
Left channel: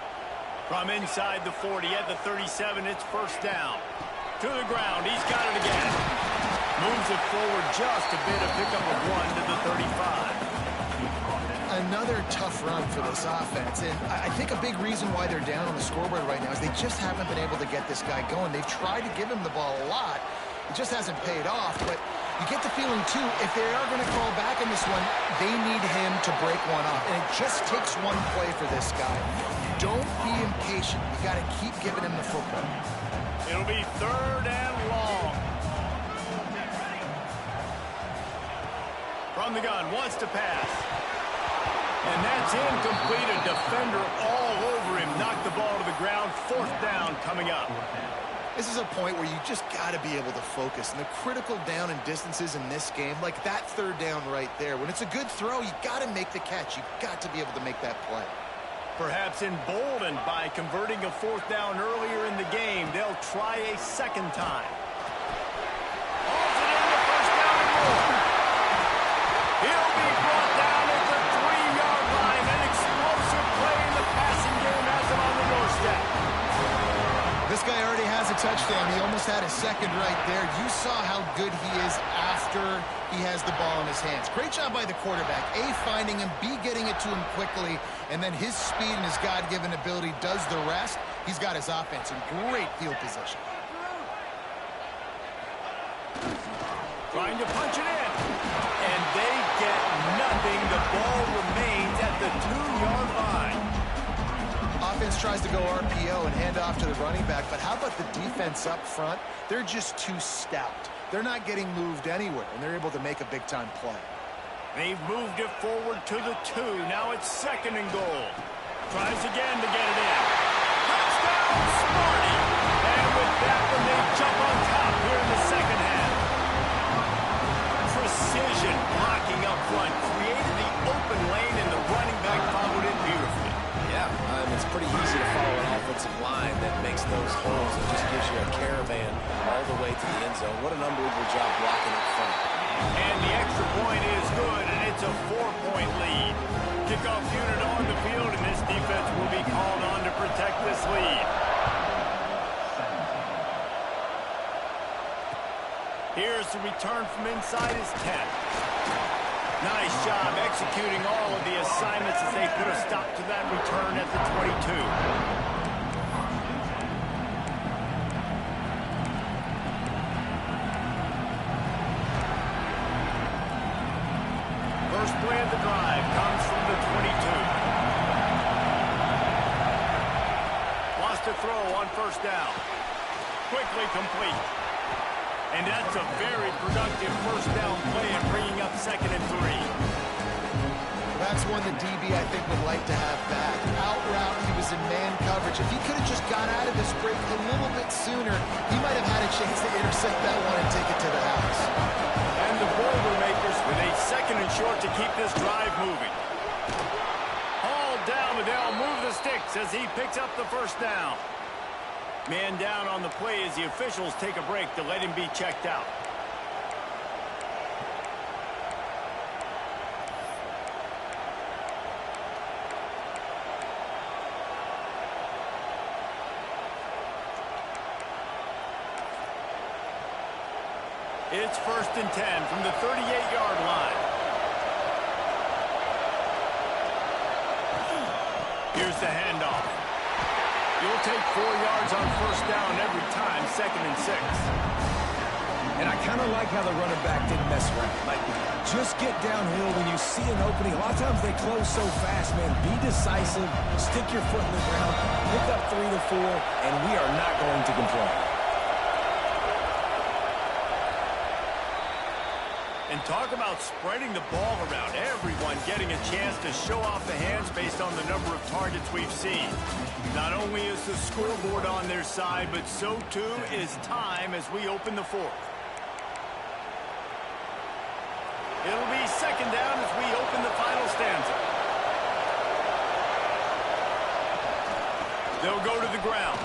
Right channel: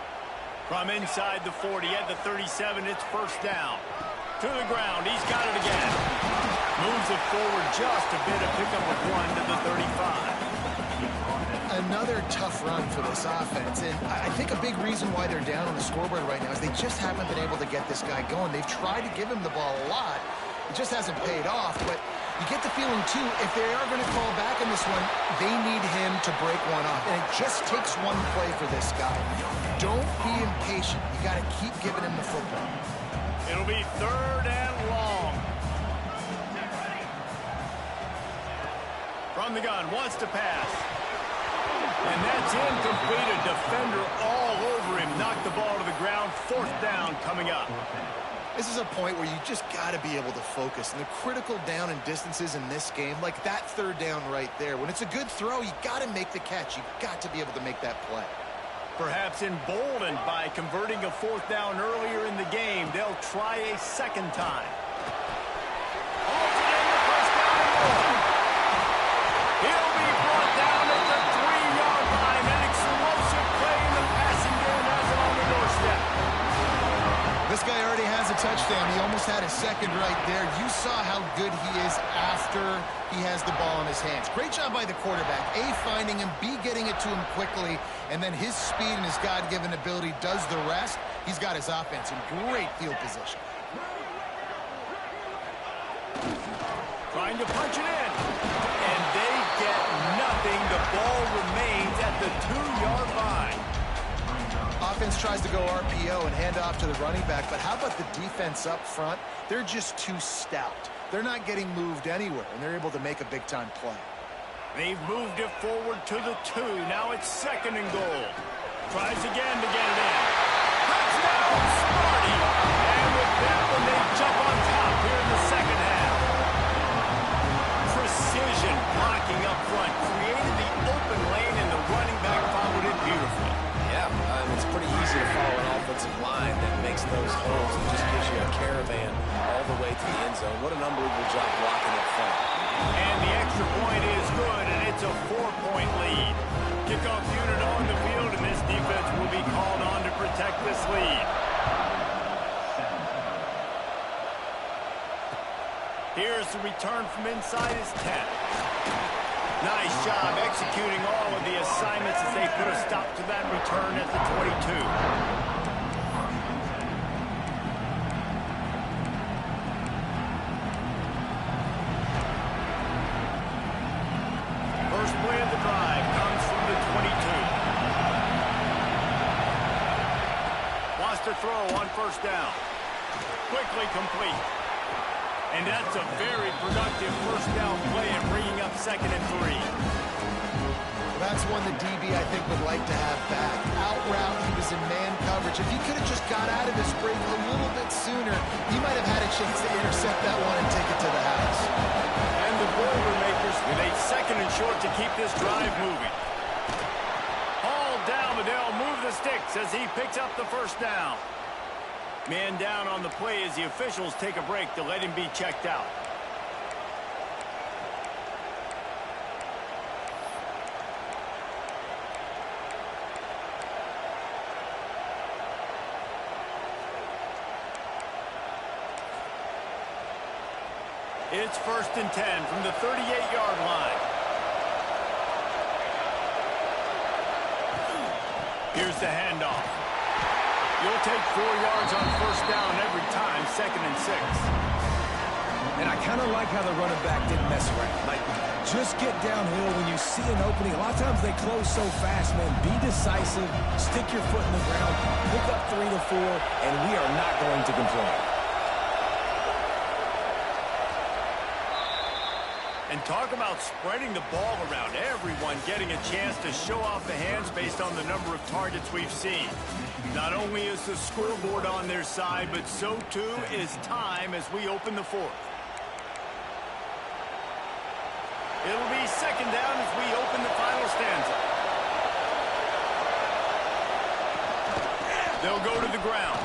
From inside the 40 at the 37, it's first down. To the ground, he's got it again. Moves it forward just a bit, a pickup of 1 to the 35. Another tough run for this offense, and I think a big reason why they're down on the scoreboard right now is they just haven't been able to get this guy going. They've tried to give him the ball a lot. It just hasn't paid off, but you get the feeling, too, if they are going to call back in this one, they need him to break one off, and it just takes one play for this guy. Don't be impatient. You got to keep giving him the football. It'll be 3rd and long. From the gun, wants to pass. And that's incomplete. A defender all over him. Knocked the ball to the ground. 4th down coming up. This is a point where you just got to be able to focus. And the critical down and distances in this game, like that 3rd down right there, when it's a good throw, you got to make the catch. You've got to be able to make that play. Perhaps emboldened by converting a 4th down earlier in the game, they'll try a 2nd time. Hauls it in the 1st down and more. He'll be brought down at the 3-yard line. An explosive play in the passing game has him on the doorstep. This guy already has a touchdown. He almost had a 2nd right there. You saw how good he is after he has the ball in his hands. Great job by the quarterback. A, finding him, B, getting it to him quickly, and then his speed and his God-given ability does the rest. He's got his offense in great field position. Trying to punch it in. And they get nothing. The ball remains at the 2-yard line. Offense tries to go RPO and hand off to the running back, but how about the defense up front? They're just too stout. They're not getting moved anywhere, and they're able to make a big-time play. They've moved it forward to the 2. Now it's 2nd and goal. Tries again to get it in. Touchdown, Smarty! And with that one, they jump on top here in the 2nd half. Precision blocking up front. Created the open lane, and the running back followed it beautifully. Yeah, it's pretty easy to follow an offensive line that makes those holes and just gives you a caravan all the way to the end zone. What an unbelievable job blocking up front. And the extra point is good, and it's a 4-point lead. Kickoff unit on the field, and this defense will be called on to protect this lead. Here's the return from inside his 10. Nice job executing all of the assignments as they put a stop to that return at the 22. First play of the drive comes from the 22. Wants to throw on first down. Quickly complete. And that's a very productive first down play and bringing up 2nd and 3. Well, that's one the DB, I think, would like to have back. Out route, he was in man coverage. If he could have just got out of his break a little bit sooner, he might have had a chance to intercept that one and take it to the house. And the Boilermakers with a 2nd and short to keep this drive moving. Hauled down, but they'll move the sticks as he picks up the first down. Man down on the play as the officials take a break to let him be checked out. It's 1st and 10 from the 38-yard line. Here's the handoff. You'll take 4 yards on first down every time, 2nd and 6. And I kind of like how the running back didn't mess around. Like, just get downhill when you see an opening. A lot of times they close so fast, man. Be decisive, stick your foot in the ground, pick up 3 to 4, and we are not going to complain. And talk about spreading the ball around. Everyone getting a chance to show off the hands based on the number of targets we've seen. Not only is the scoreboard on their side, but so too is time as we open the 4th. It'll be 2nd down as we open the final stanza. They'll go to the ground.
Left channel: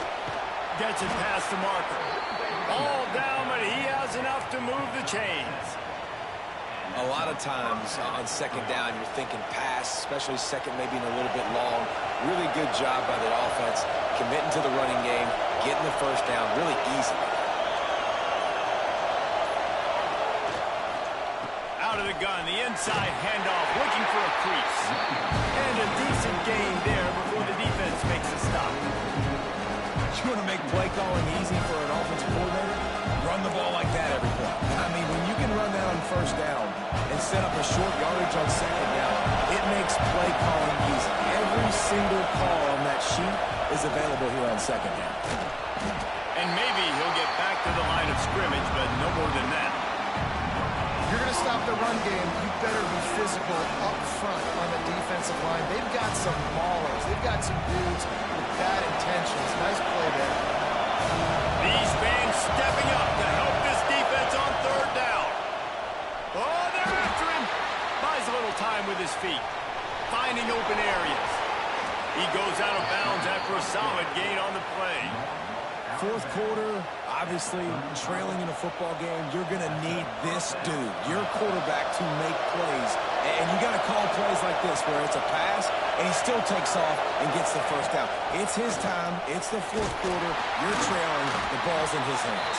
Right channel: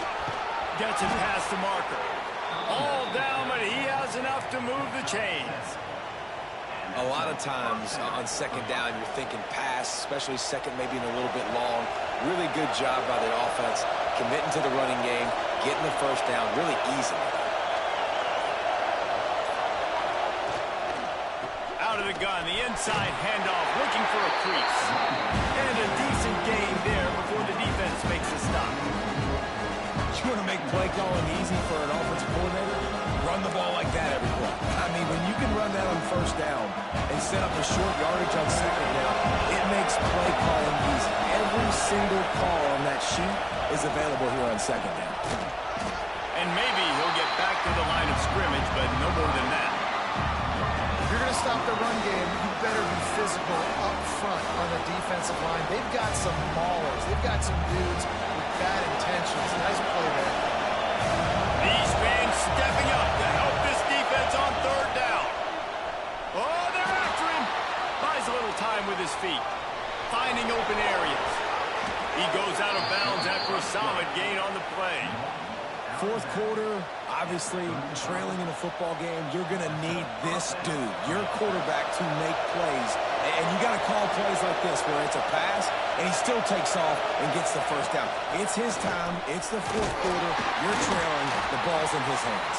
Gets it past the marker. All down, but he has enough to move the chains. A lot of times on 2nd down, you're thinking pass, especially 2nd, maybe in a little bit long. Really good job by the offense, committing to the running game, getting the first down really easily. Out of the gun, the inside handoff, looking for a crease. And a decent gain there before the defense makes a stop. You want to make play calling easy for an offensive coordinator? Run the ball like that every play. I mean, when you can run that on first down and set up a short yardage on 2nd down, it makes play calling easy. Every single call on that sheet is available here on 2nd down. And maybe he'll get back to the line of scrimmage, but no more than that. If you're going to stop the run game, you better be physical up front on the defensive line. They've got some maulers. They've got some dudes with bad intentions. Nice play there. These fans stepping up to help this defense on 3rd down. Oh, they're after him. Buys a little time with his feet. Finding open areas. He goes out of bounds after a solid gain on the play. 4th quarter, obviously trailing in a football game, you're going to need this dude, your quarterback, to make plays. And you got to call plays like this where it's a pass and he still takes off and gets the first down. It's his time. It's the 4th quarter. You're trailing. The ball's in his hands.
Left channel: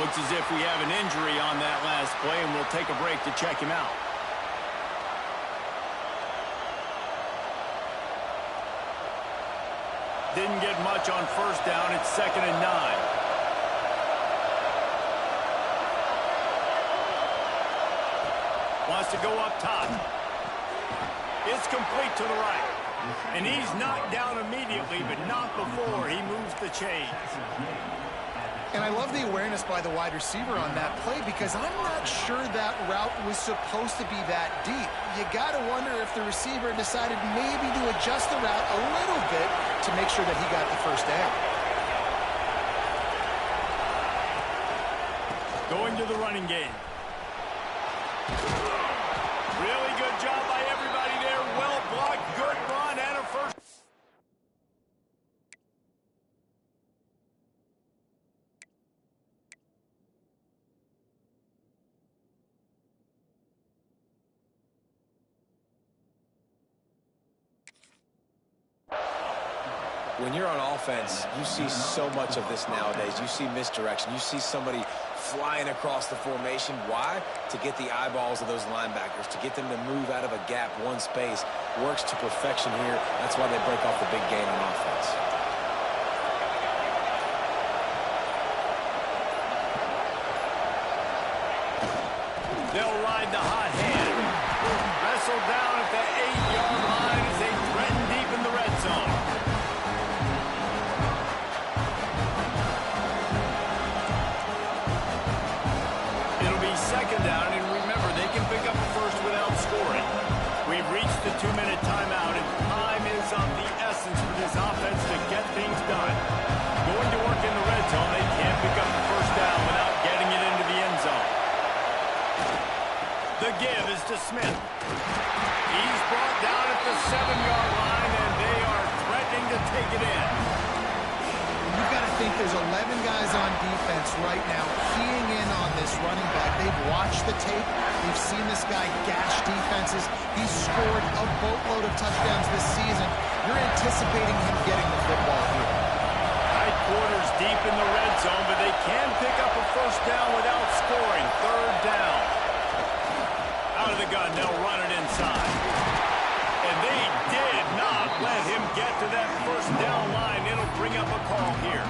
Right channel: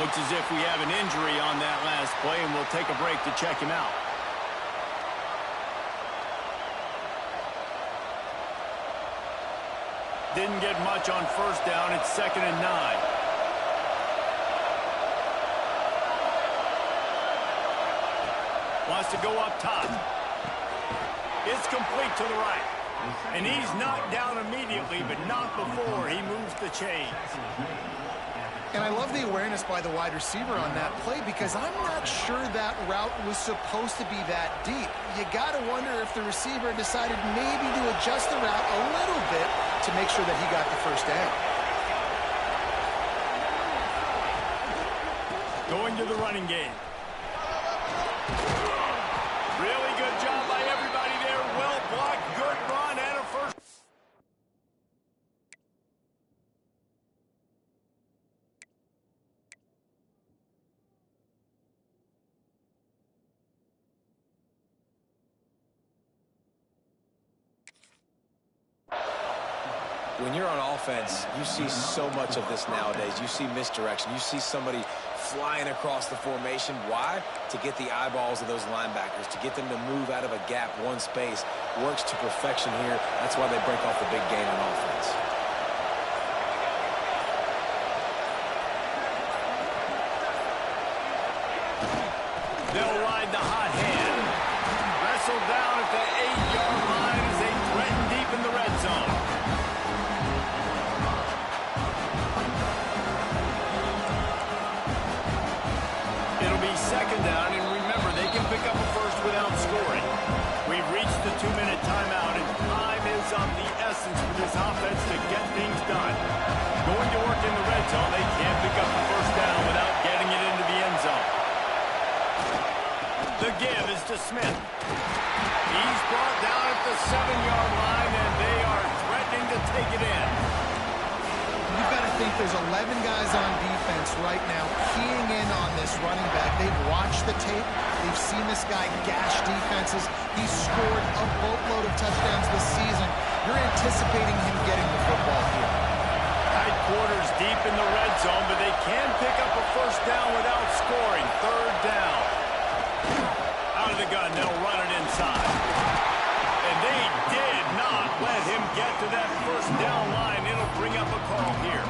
Looks as if we have an injury on that last play, and we'll take a break to check him out. Didn't get much on first down. It's 2nd and 9. Wants to go up top. It's complete to the right. And he's knocked down immediately, but not before he moves the chains. And I love the awareness by the wide receiver on that play because I'm not sure that route was supposed to be that deep. You got to wonder if the receiver decided maybe to adjust the route a little bit to make sure that he got the first down. Going to the running game. Really good job by everybody there. Well blocked, good run, and a first. When you're on offense, you see so much of this nowadays. You see misdirection. You see somebody flying across the formation. Why? To get the eyeballs of those linebackers, to get them to move out of a gap one space. Works to perfection here. That's why they break off the big gain on offense. They'll ride the hot hand. Wrestled down at the 8-yard line as they threaten deep in the red zone. It'll be second down, and remember, they can pick up a first without scoring. We've reached the 2-minute timeout, and time is of the essence for this offense to get things done. Going to work in the red zone, they can't pick up the first down without getting it into the end zone. The give is to Smith. He's brought down at the 7-yard line, and they are threatening to take it in. You've got to think there's 11 guys on defense right now keying in on this running back. They've watched the tape. They've seen this guy gash defenses. He's scored a boatload of touchdowns this season. You're anticipating him getting the football here. Tight quarters deep in the red zone, but they can pick up a first down without scoring. Third down. Out of the gun, they'll run it inside. And they did not let him get to that first down line. It'll bring up a call here.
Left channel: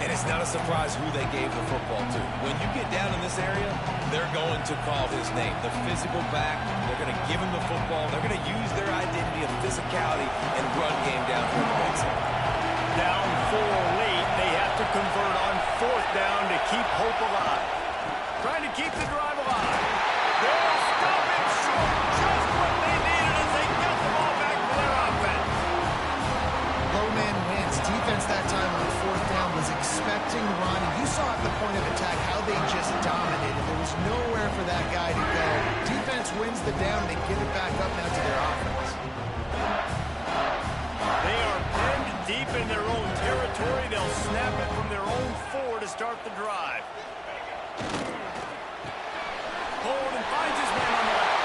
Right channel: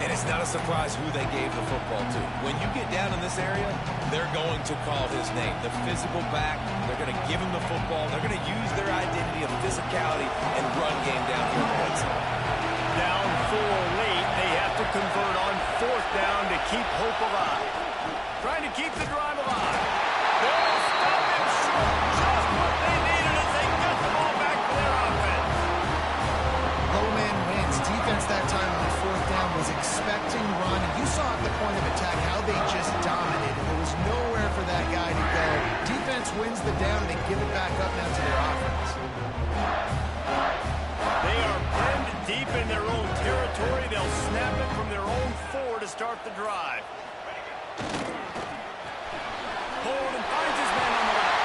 And it's not a surprise who they gave the football to. When you get down in this area, they're going to call his name. The physical back, they're going to give him the football. They're going to use their identity of physicality and run game down here in the red zone. Down 4 late, they have to convert on fourth down to keep hope alive. Trying to keep the drive alive. They'll stop him short. Just what they needed as they get the ball back for their offense. Low man wins. Defense that time on fourth down was expecting run. And you saw at the point of attack how they just dominated. There was nowhere for that guy to go. Defense wins the down. They give it back up now to their offense. They are pinned deep in their own territory. They'll snap it from their own 4 to start the drive. Hold and finds his man on the left.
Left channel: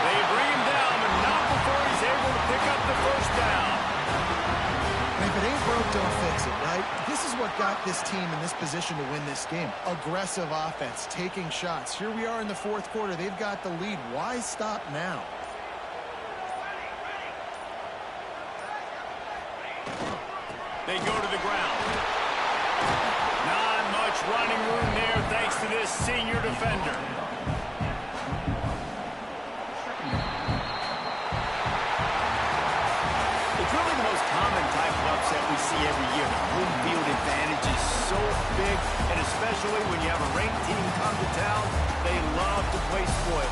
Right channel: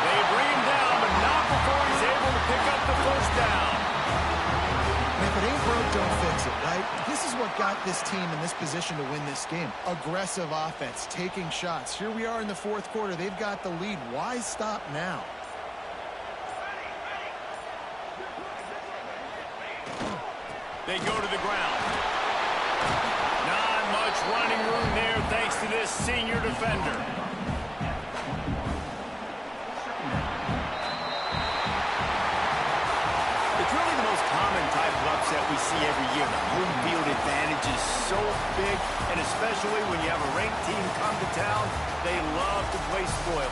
They bring him down, but not before he's able to pick up the first down. And if it ain't broke, don't fix it, right? This is what got this team in this position to win this game. Aggressive offense, taking shots. Here we are in the fourth quarter. They've got the lead. Why stop now? They go to the ground. Not much running room there thanks to this senior defender. It's really the most common type of upset we see every year. The home field advantage is so big, and especially when you have a ranked team come to town, they love to play spoil.